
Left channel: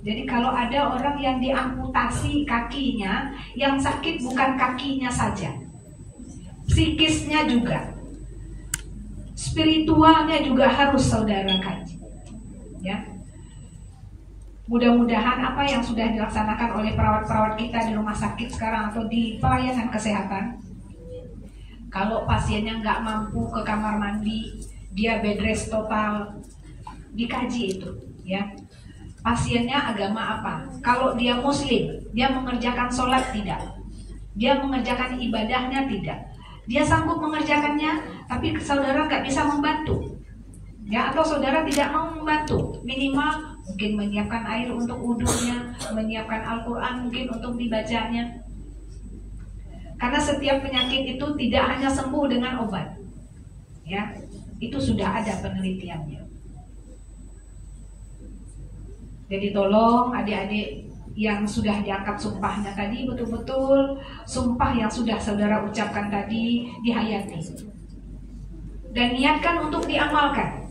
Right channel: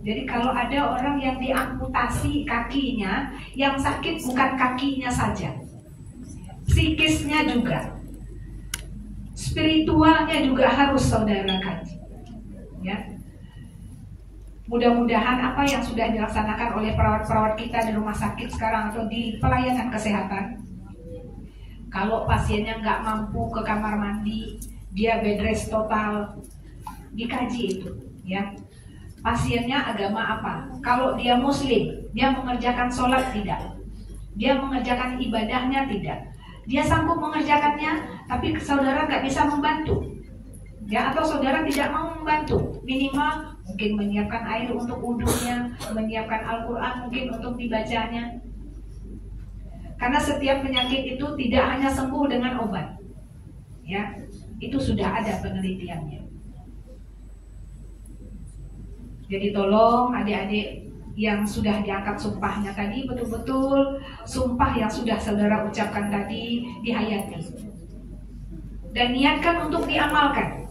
Jadi kalau ada orang yang diamputasi kakinya, yang sakit bukan kakinya saja, psikisnya juga, spiritualnya juga harus saudara kaji. Ya, mudah-mudahan apa yang sudah dilaksanakan oleh perawat-perawat kita di rumah sakit sekarang atau di pelayanan kesehatan, kalau pasiennya nggak mampu ke kamar mandi, dia bed rest total, dikaji itu, ya. Pasiennya agama apa? Kalau dia muslim, dia mengerjakan sholat tidak? Dia mengerjakan ibadahnya tidak? Dia sanggup mengerjakannya, tapi saudara nggak bisa membantu, ya, atau saudara tidak mau membantu, minimal mungkin menyiapkan air untuk wudhunya, menyiapkan Al-Quran mungkin untuk dibacanya. Karena setiap penyakit itu tidak hanya sembuh dengan obat, ya, itu sudah ada penelitiannya. Jadi tolong adik-adik yang sudah diangkat sumpahnya tadi, betul-betul sumpah yang sudah saudara ucapkan tadi dihayati dan niatkan untuk diamalkan.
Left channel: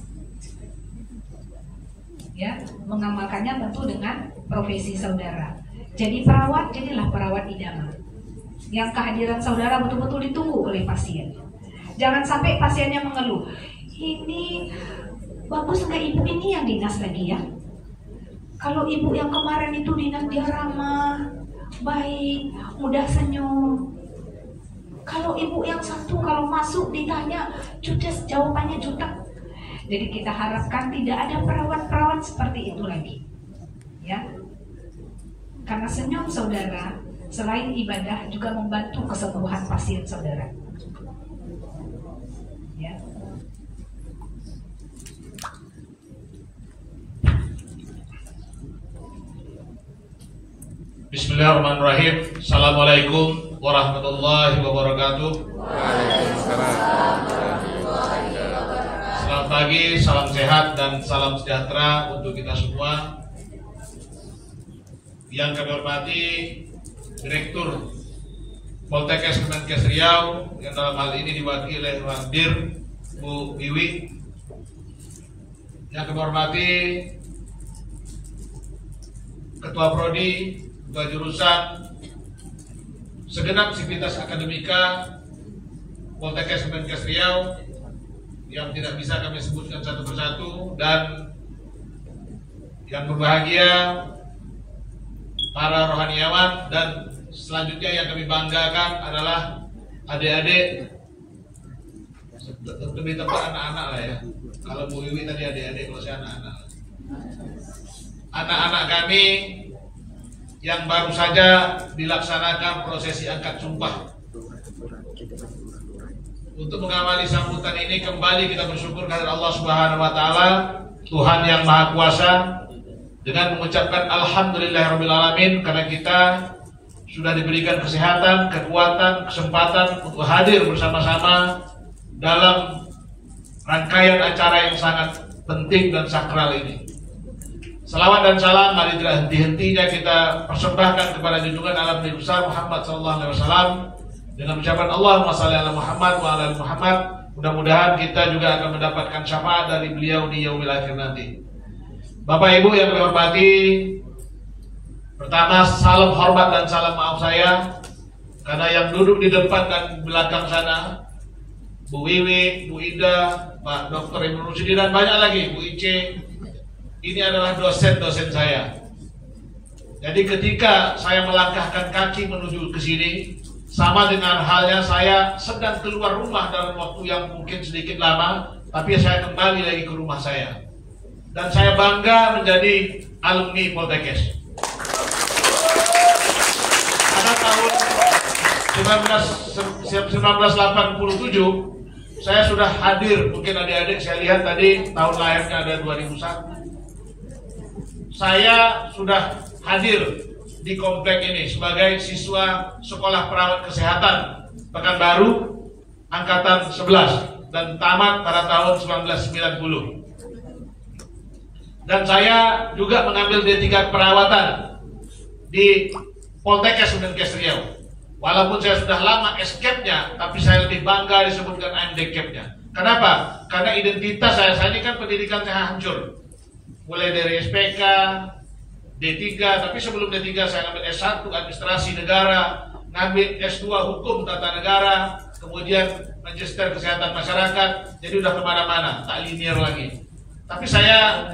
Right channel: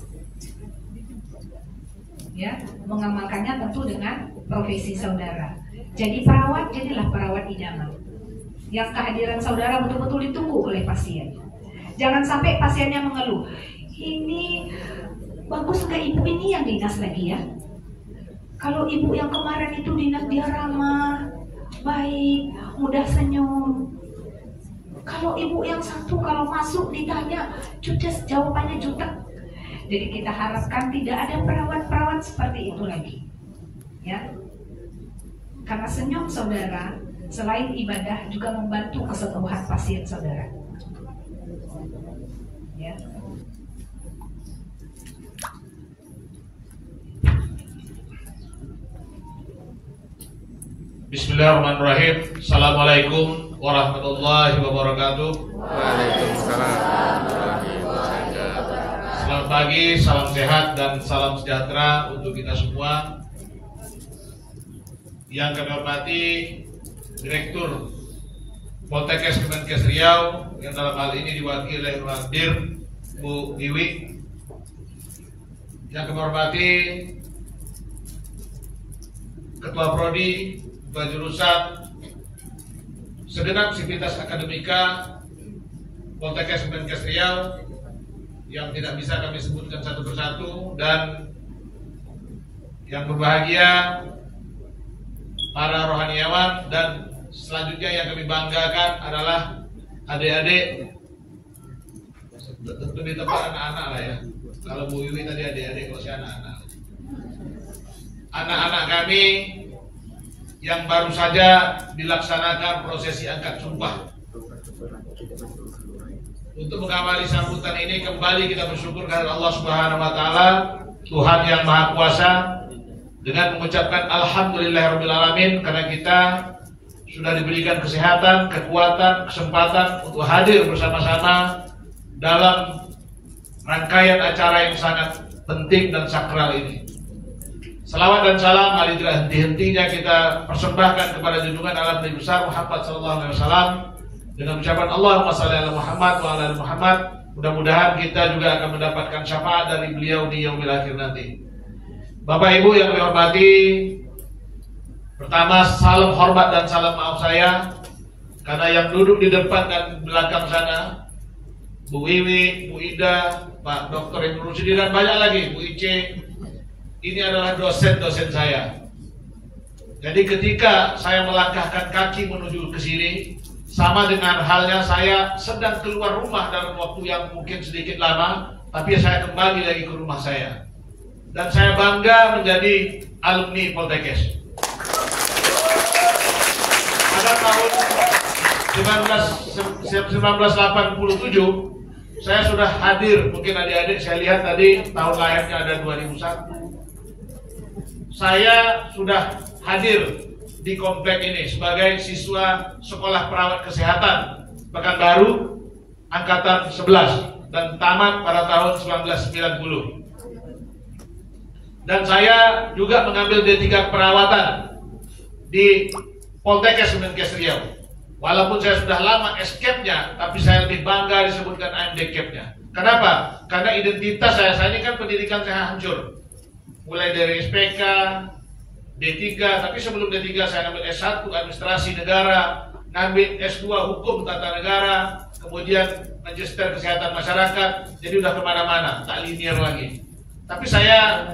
Ya, mengamalkannya tentu dengan profesi saudara. Jadi perawat, jadilah perawat idaman, yang kehadiran saudara betul-betul ditunggu oleh pasien. Jangan sampai pasiennya mengeluh, ini bagus nggak ibu ini yang dinas lagi ya? Kalau ibu yang kemarin itu dinas, dia ramah, baik, mudah senyum. Kalau ibu yang satu kalau masuk ditanya judes, jawabannya jutek. Jadi kita harapkan tidak ada perawat-perawat seperti itu lagi, ya. Karena senyum saudara selain ibadah juga membantu kesembuhan pasien saudara. Ya. Bismillahirrahmanirrahim. Assalamualaikum warahmatullahi wabarakatuh. Selamat pagi, salam sehat dan salam sejahtera untuk kita semua. Yang kami hormati Direktur Poltekkes Kemenkes Riau, yang dalam hal ini diwakili oleh Dir Bu Iwi. Yang kami hormati Ketua Prodi, Ketua Jurusan, segenap sivitas akademika Poltekkes Kemenkes Riau yang tidak bisa kami sebutkan satu persatu, dan yang berbahagia para rohaniawan, dan selanjutnya yang kami banggakan adalah adik-adik, lebih tepat anak-anak lah ya. Kalau Bu Iwi tadi adik-adik, kalau saya anak-anak. Anak-anak kami yang baru saja dilaksanakan prosesi angkat sumpah. Untuk mengawali sambutan ini, kembali kita bersyukur kepada Allah Subhanahu wa taala, Tuhan yang Maha Kuasa, dengan mengucapkan alhamdulillahirabbil alamin, karena kita sudah diberikan kesehatan, kekuatan, kesempatan untuk hadir bersama-sama dalam rangkaian acara yang sangat penting dan sakral ini. Salawat dan salam mari tidak henti-hentinya kita persembahkan kepada junjungan alam Nabi besar Muhammad SAW dengan ucapan Allahumma shalli ala Muhammad wa ala Muhammad. Mudah-mudahan kita juga akan mendapatkan syafaat dari beliau di yaumil akhir nanti. Bapak Ibu yang kami hormati, pertama salam hormat dan salam maaf saya karena yang duduk di depan dan belakang sana, Bu Wiwi, Bu Ida, Pak Dr. Ibu Rusidi, dan banyak lagi, Bu Ice, ini adalah dosen-dosen saya. Jadi ketika saya melangkahkan kaki menuju ke sini, sama dengan halnya saya sedang keluar rumah dalam waktu yang mungkin sedikit lama, tapi saya kembali lagi ke rumah saya. Dan saya bangga menjadi alumni Poltekkes. Pada tahun 1987 saya sudah hadir, mungkin adik-adik saya lihat tadi tahun lahirnya ada 2001. Saya sudah hadir di komplek ini sebagai siswa sekolah perawat kesehatan Pekanbaru angkatan 11 dan tamat pada tahun 1990. Dan saya juga mengambil D3 perawatan di Poltekkes Kemenkes Riau. Walaupun saya sudah lama escape-nya, tapi saya lebih bangga disebutkan AMD-CAP-nya. Kenapa? Karena identitas saya ini kan pendidikan saya hancur. Mulai dari SPK, D3, tapi sebelum D3 saya ambil S1 Administrasi Negara, ngambil S2 Hukum Tata Negara, kemudian Magister Kesehatan Masyarakat, jadi udah kemana-mana, tak linear lagi. Tapi saya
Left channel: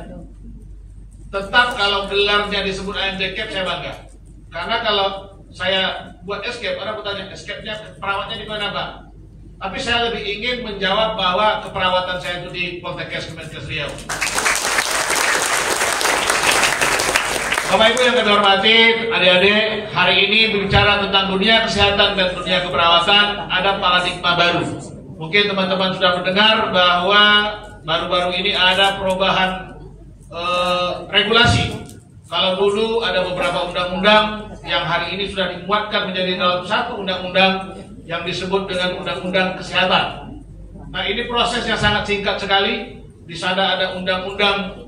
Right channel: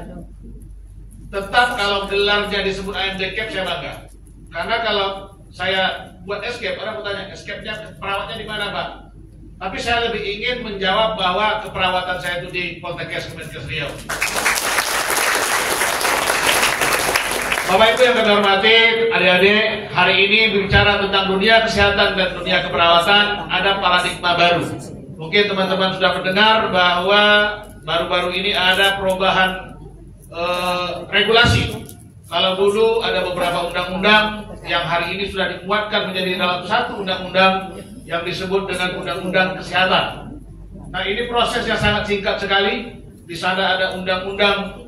tetap kalau gelarnya disebut AMD-CAP saya bangga. Karena kalau saya buat escape, orang bertanya, escape-nya perawatnya di mana, Pak? Tapi saya lebih ingin menjawab bahwa keperawatan saya itu di Poltekkes Kemenkes Riau. Bapak Ibu yang kami hormati, adik-adik, hari ini bicara tentang dunia kesehatan dan dunia keperawatan, ada paradigma baru. Mungkin teman-teman sudah mendengar bahwa baru-baru ini ada perubahan regulasi. Kalau dulu ada beberapa undang-undang yang hari ini sudah dimuatkan menjadi dalam satu undang-undang yang disebut dengan Undang-Undang Kesehatan. Nah, ini proses yang sangat singkat sekali. Di sana ada Undang-Undang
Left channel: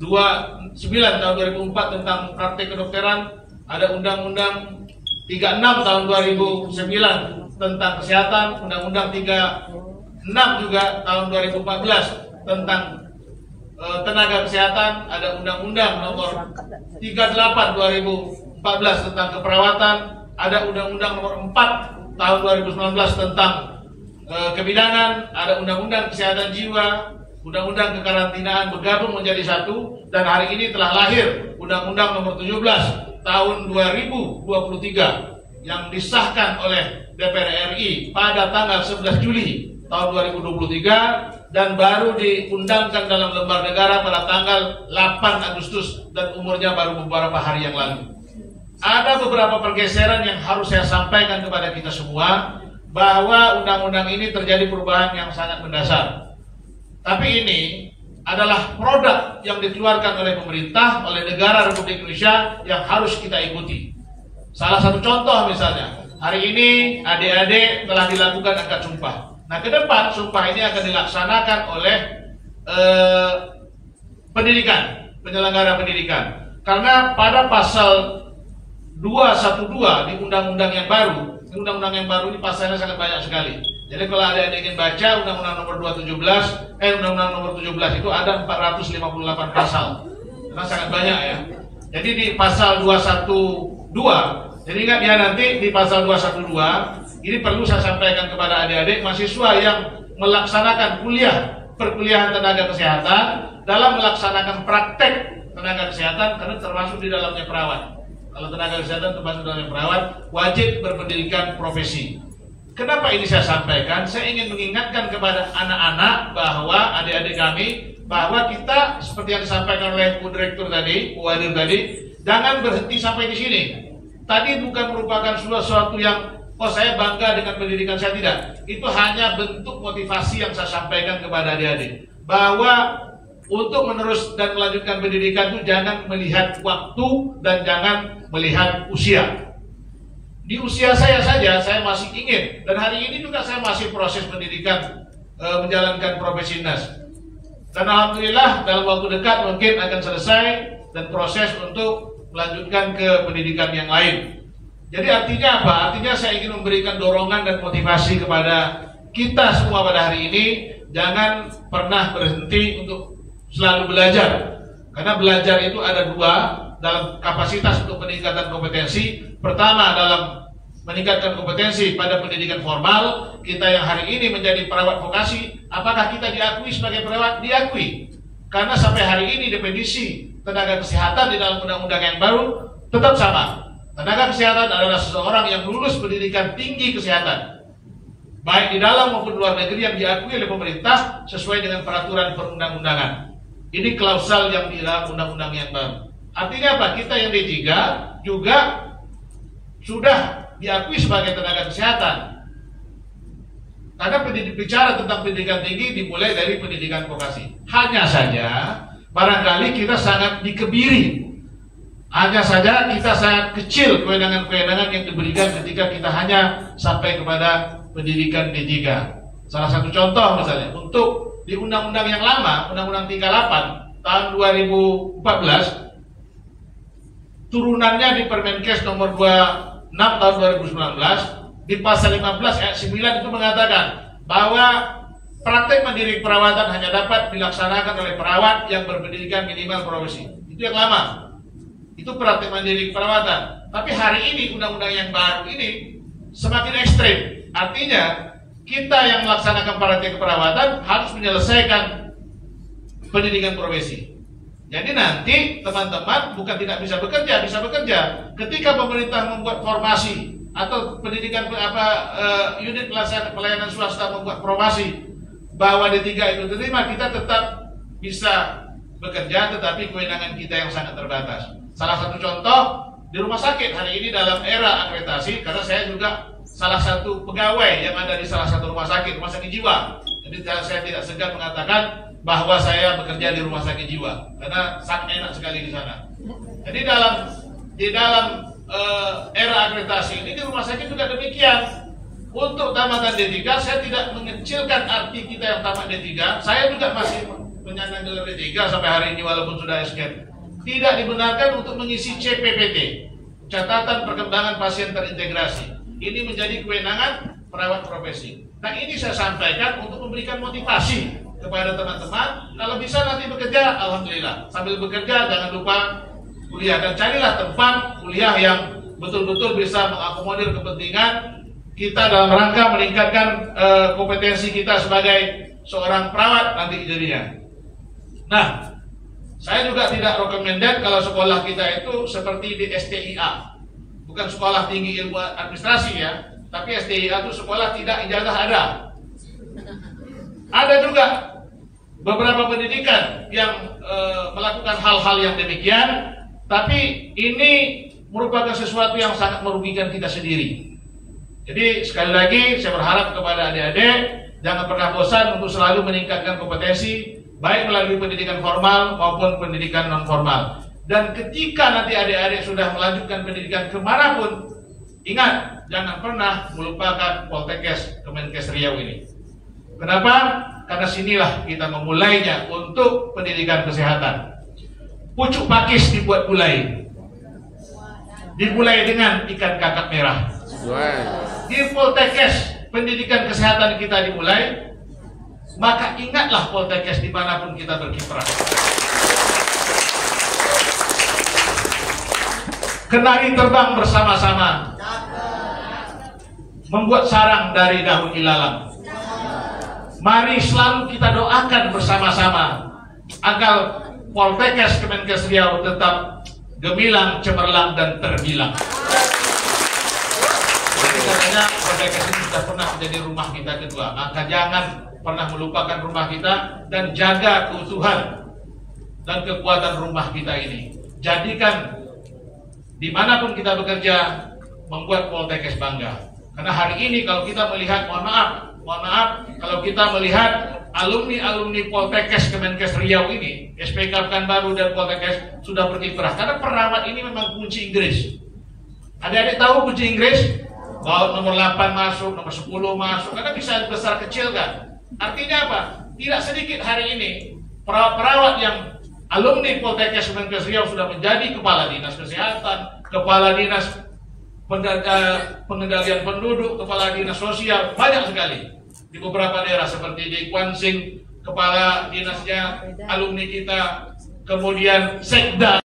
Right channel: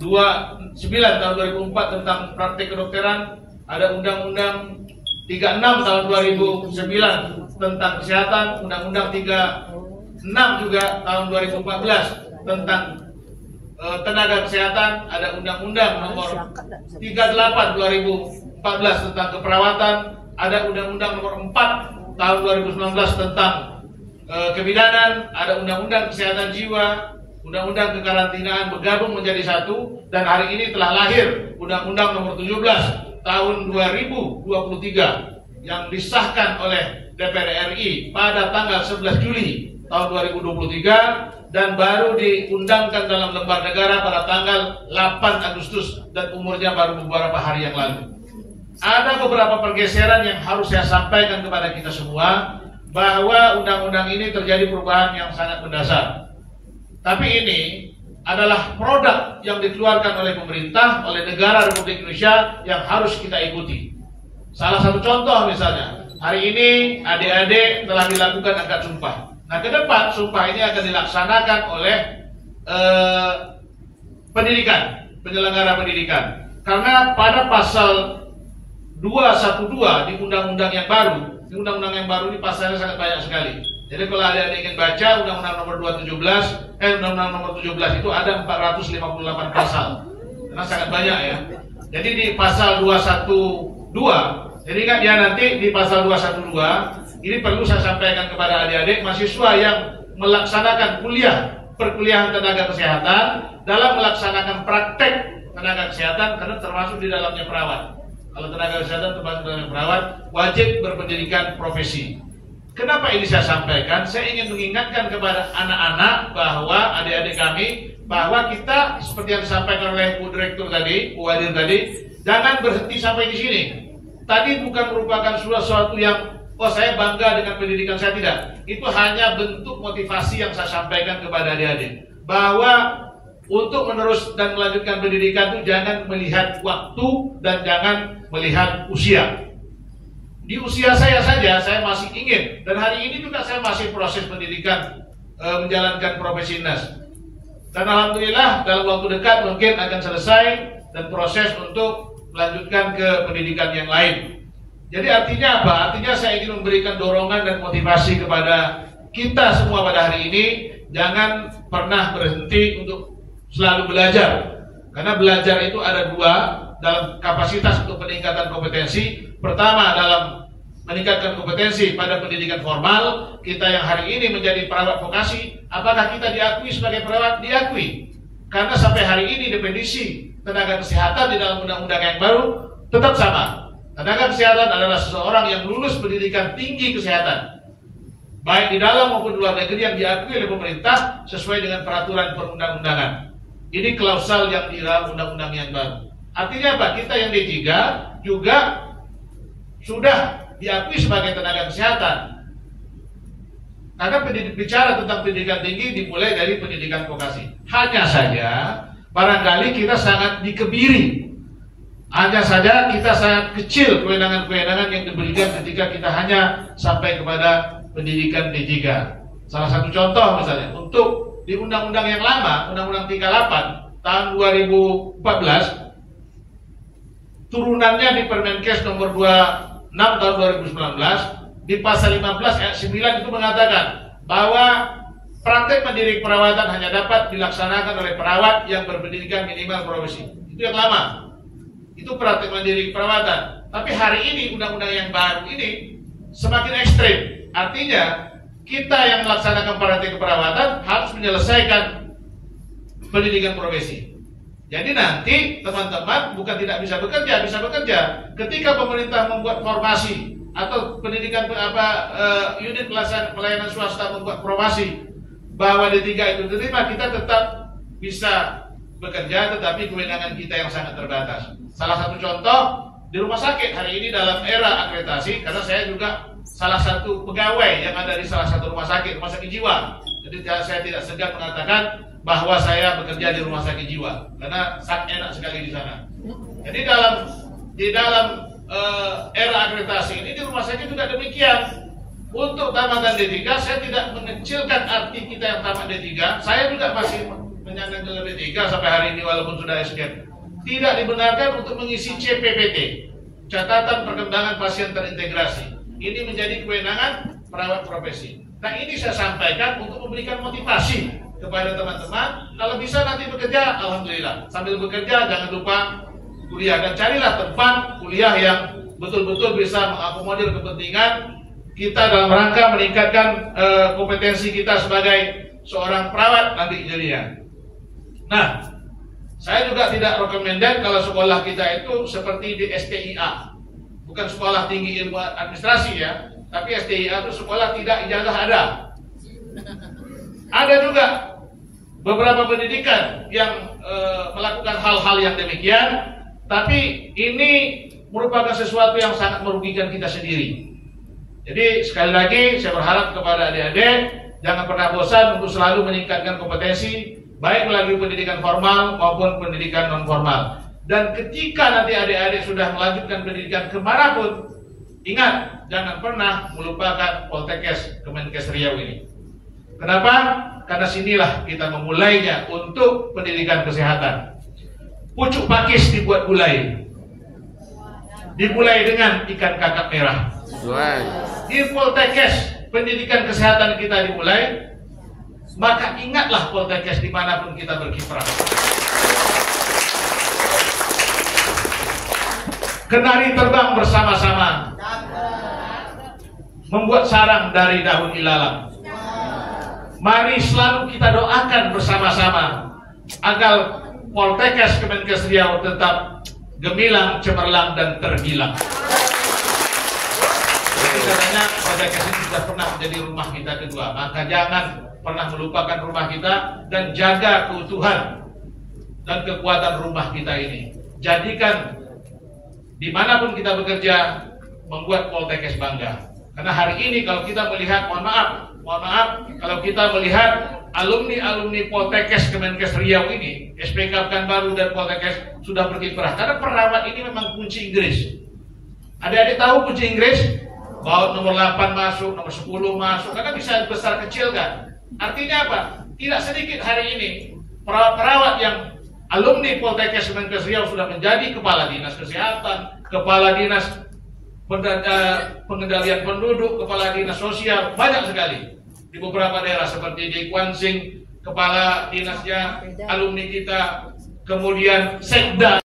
29 tahun 2004 tentang praktek kedokteran, ada Undang-Undang 36 tahun 2009 tentang kesehatan, Undang-Undang 36 juga tahun 2014 tentang tenaga kesehatan, ada Undang-Undang nomor 38 2014 tentang keperawatan, ada Undang-Undang nomor 4 tahun 2019 tentang kebidanan, ada Undang-Undang Kesehatan Jiwa, Undang-Undang Kekarantinaan bergabung menjadi satu, dan hari ini telah lahir Undang-Undang nomor 17 tahun 2023 yang disahkan oleh DPR RI pada tanggal 11 Juli tahun 2023 dan baru diundangkan dalam lembar negara pada tanggal 8 Agustus dan umurnya baru beberapa hari yang lalu. Ada beberapa pergeseran yang harus saya sampaikan kepada kita semua, bahwa undang-undang ini terjadi perubahan yang sangat mendasar. Tapi ini adalah produk yang dikeluarkan oleh pemerintah, oleh negara Republik Indonesia yang harus kita ikuti. Salah satu contoh misalnya, hari ini adik-adik telah dilakukan akad sumpah. Nah, ke depan sumpah ini akan dilaksanakan oleh penyelenggara pendidikan. Karena pada pasal 212 di undang-undang yang baru, ini pasalnya sangat banyak sekali. Jadi kalau adik-adik ingin baca undang-undang nomor undang-undang nomor 17 itu ada 458 pasal. Karena sangat banyak ya. Jadi di pasal 212, jadi ingat ya, nanti di pasal 212 ini perlu saya sampaikan kepada adik-adik mahasiswa yang melaksanakan perkuliahan tenaga kesehatan dalam melaksanakan praktek tenaga kesehatan, karena termasuk di dalamnya perawat. Kalau tenaga kesehatan termasuk dalamnya perawat, wajib berpendidikan profesi. Kenapa ini saya sampaikan? Saya ingin mengingatkan kepada anak-anak bahwa adik-adik kami, bahwa kita seperti yang disampaikan oleh Bu Direktur tadi, Bu Wadir tadi, jangan berhenti sampai di sini. Tadi bukan merupakan sesuatu yang saya bangga dengan pendidikan saya, tidak. Itu hanya bentuk motivasi yang saya sampaikan kepada adik-adik, bahwa untuk menerus dan melanjutkan pendidikan itu jangan melihat waktu dan jangan melihat usia. Di usia saya saja, saya masih ingin, dan hari ini juga saya masih proses pendidikan, menjalankan profesi nas. Dan alhamdulillah dalam waktu dekat mungkin akan selesai dan proses untuk melanjutkan ke pendidikan yang lain. Jadi artinya apa? Artinya saya ingin memberikan dorongan dan motivasi kepada kita semua pada hari ini. Jangan pernah berhenti untuk selalu belajar. Karena belajar itu ada dua dalam kapasitas untuk peningkatan kompetensi. Pertama dalam meningkatkan kompetensi pada pendidikan formal. Kita yang hari ini menjadi perawat vokasi, apakah kita diakui sebagai perawat? Diakui. Karena sampai hari ini definisi tenaga kesehatan di dalam undang-undang yang baru tetap sama. Tenaga kesehatan adalah seseorang yang lulus pendidikan tinggi kesehatan, baik di dalam maupun luar negeri, yang diakui oleh pemerintah sesuai dengan peraturan perundang-undangan. Ini klausal yang di dalam undang-undang yang baru. Artinya apa? Kita yang D3 juga sudah diakui sebagai tenaga kesehatan. Karena bicara tentang pendidikan tinggi dimulai dari pendidikan vokasi. Hanya saja barangkali kita sangat dikebiri Hanya saja kita sangat kecil kewenangan-kewenangan yang diberikan ketika kita hanya sampai kepada pendidikan D3. Salah satu contoh misalnya, untuk di undang-undang yang lama, Undang-Undang 38 tahun 2014, turunannya di Permenkes nomor 26 tahun 2019, di pasal 15 ayat 9 itu mengatakan bahwa praktek mendidik perawatan hanya dapat dilaksanakan oleh perawat yang berpendidikan minimal profesi. Itu yang lama. Itu praktek mendidik perawatan. Tapi hari ini undang-undang yang baru ini semakin ekstrim. Artinya kita yang melaksanakan praktek perawatan harus menyelesaikan pendidikan profesi. Jadi nanti teman-teman bukan tidak bisa bekerja, bisa bekerja. Ketika pemerintah membuat formasi atau pendidikan unit pelayanan swasta membuat formasi bahwa D3 itu diterima, kita tetap bisa bekerja, tetapi kewenangan kita yang sangat terbatas. Salah satu contoh di rumah sakit hari ini dalam era akreditasi, karena saya juga salah satu pegawai yang ada di salah satu rumah sakit jiwa. Jadi saya tidak segan mengatakan bahwa saya bekerja di rumah sakit jiwa, karena sangat enak sekali di sana. Jadi di dalam era akreditasi ini di rumah sakit juga demikian. Untuk tamatan D3, saya tidak mengecilkan arti kita yang tamat D3. Saya juga masih menyandang gelar D3 sampai hari ini walaupun sudah escape. Tidak dibenarkan untuk mengisi CPPT, catatan perkembangan pasien terintegrasi. Ini menjadi kewenangan perawat profesi. Nah, ini saya sampaikan untuk memberikan motivasi kepada teman-teman. Kalau bisa nanti bekerja, alhamdulillah. Sambil bekerja jangan lupa kuliah, dan carilah tempat kuliah yang betul-betul bisa mengakomodir kepentingan kita dalam rangka meningkatkan kompetensi kita sebagai seorang perawat nanti jadinya. Nah, saya juga tidak recommended kalau sekolah kita itu seperti di STIA, bukan sekolah tinggi ilmu administrasi ya, tapi STIA itu sekolah tidak ijazah ada. Ada juga beberapa pendidikan yang melakukan hal-hal yang demikian, tapi ini merupakan sesuatu yang sangat merugikan kita sendiri. Jadi sekali lagi saya berharap kepada adik-adik jangan pernah bosan untuk selalu meningkatkan kompetensi, baik melalui pendidikan formal maupun pendidikan non formal. Dan ketika nanti adik-adik sudah melanjutkan pendidikan kemanapun, ingat jangan pernah melupakan Poltekkes Kemenkes Riau ini. Kenapa? Karena sinilah kita memulainya untuk pendidikan kesehatan. Pucuk pakis dibuat gulai, dimulai dengan ikan kakap merah. Di Poltekkes pendidikan kesehatan kita dimulai, maka ingatlah Poltekkes dimanapun kita berkiprah. Kenari terbang bersama-sama, membuat sarang dari daun ilalang. Mari selalu kita doakan bersama-sama agar Poltekkes Kemenkes Riau tetap gemilang, cemerlang, dan terbilang. Nanti katanya Poltekkes ini sudah pernah menjadi rumah kita kedua, maka jangan pernah melupakan rumah kita dan jaga keutuhan dan kekuatan rumah kita ini. Jadikan dimanapun kita bekerja, membuat Poltekkes bangga. Karena hari ini kalau kita melihat, mohon maaf, kalau kita melihat alumni Poltekkes Kemenkes Riau ini, SPK Pekanbaru dan Poltekkes sudah berkiprah. Karena perawat ini memang kunci Inggris. Adik-adik tahu kunci Inggris? Bahwa nomor 8 masuk, nomor 10 masuk, karena bisa besar kecil kan. Artinya apa? Tidak sedikit hari ini perawat-perawat yang alumni Poltekkes Kemenkes Riau sudah menjadi kepala dinas kesehatan, kepala dinas pengendalian penduduk, kepala dinas sosial, banyak sekali di beberapa daerah seperti di Kwansing, kepala dinasnya alumni kita, kemudian sekda. Yo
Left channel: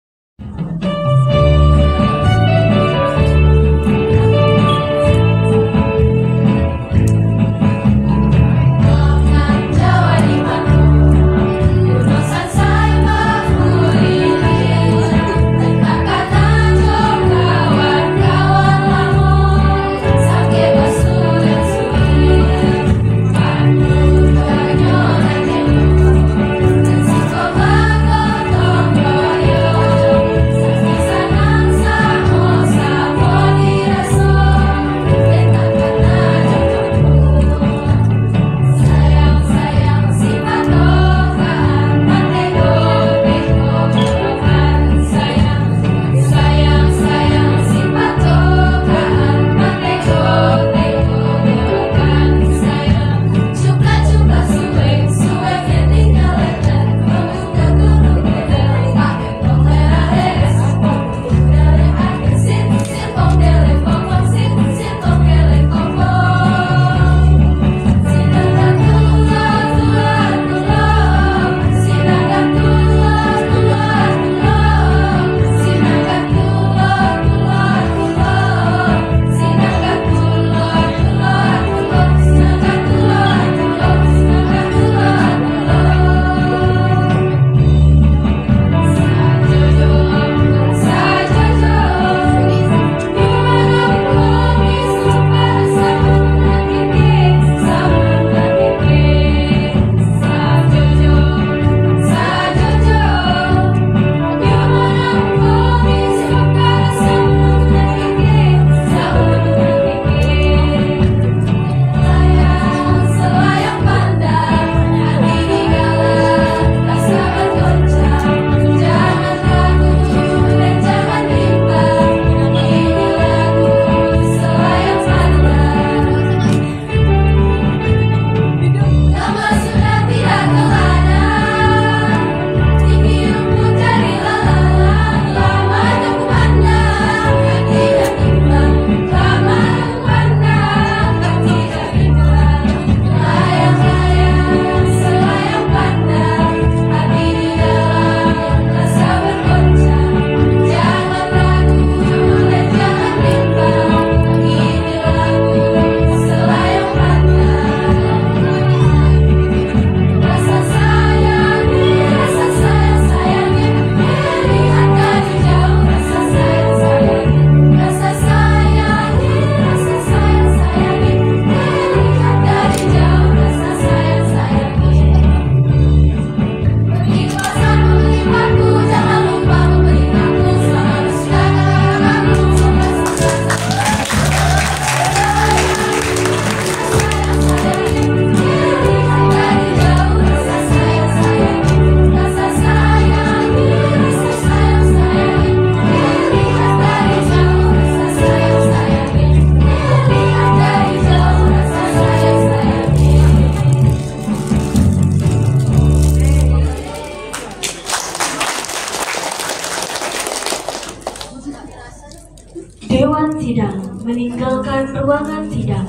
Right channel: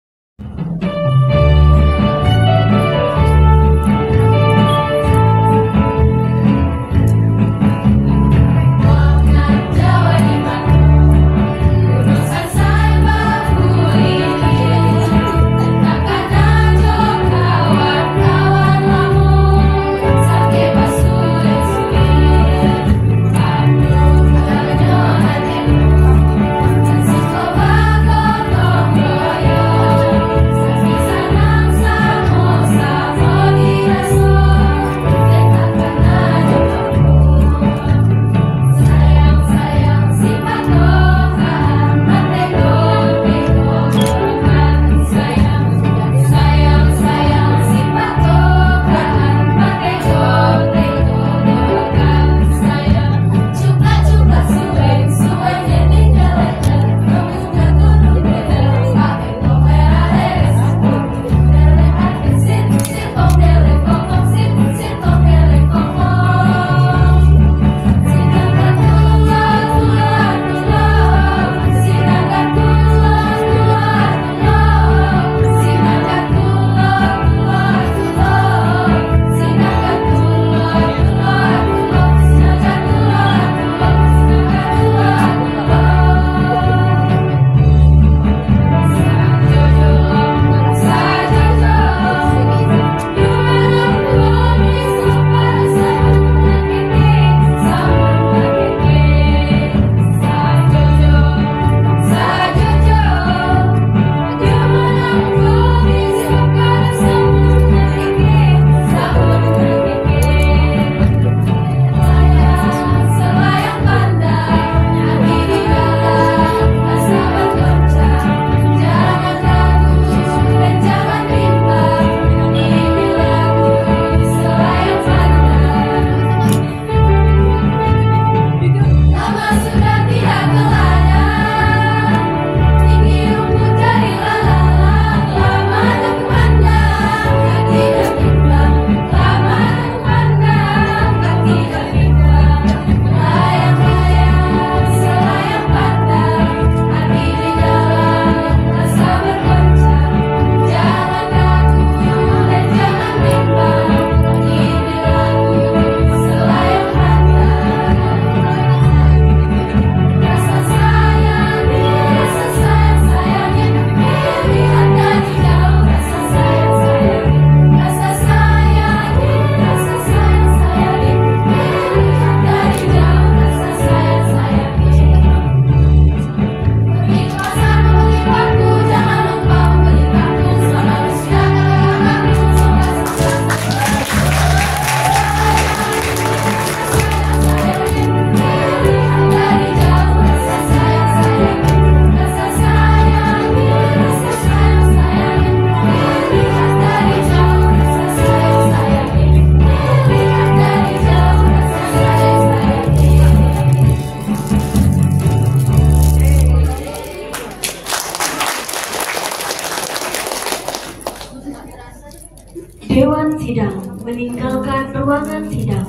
meninggalkan ruangan sidang.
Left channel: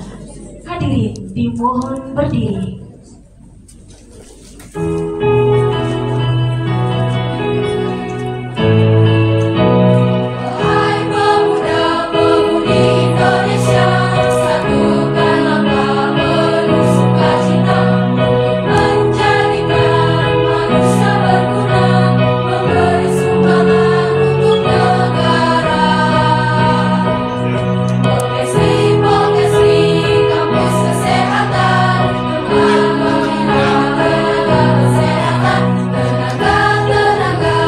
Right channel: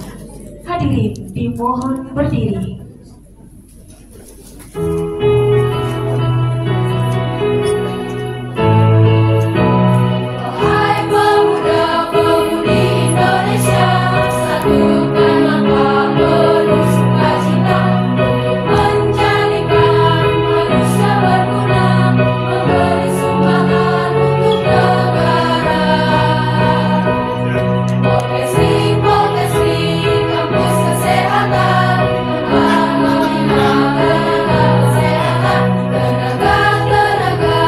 Hadirin dimohon berdiri. Wahai pemuda-pemudi Indonesia, satukan langkah penuh sukacita, menjadikan manusia berguna, memberi sumbangan untuk negara. Pokesi, kampus kesehatan, membina tenaga kesehatan, tenaga-tenaga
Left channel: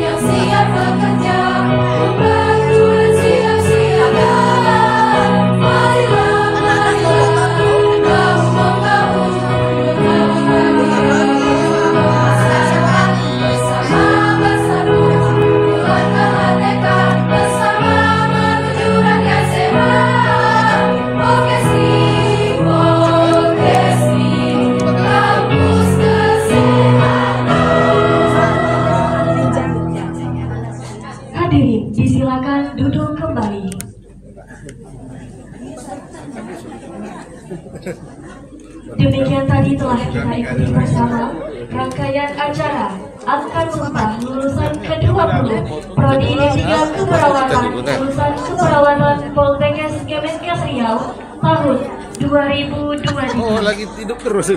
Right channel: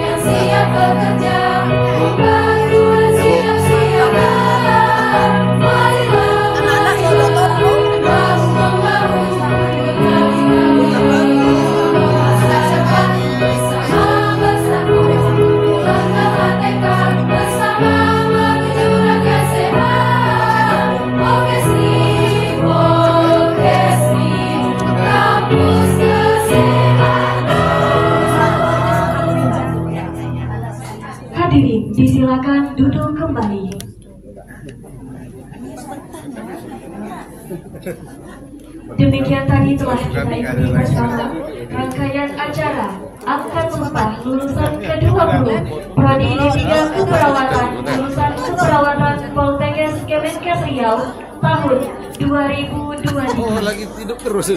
yang siap bekerja, membantu dan siap-siap jalan. Marilah bahu-membahu, bersama bersatu, pulang ke merdeka, bersama menuju rakyat sehat. Pokesi, kampus kesehatan. Hadirin disilakan duduk kembali. Demikian tadi telah kita ikuti bersama rangkaian acara angkat sumpah lulusan ke-20 Prodi D3 Keperawatan lulusan Keperawatan Poltekkes Kemenkes Riau tahun 2023. lagi hidup terus.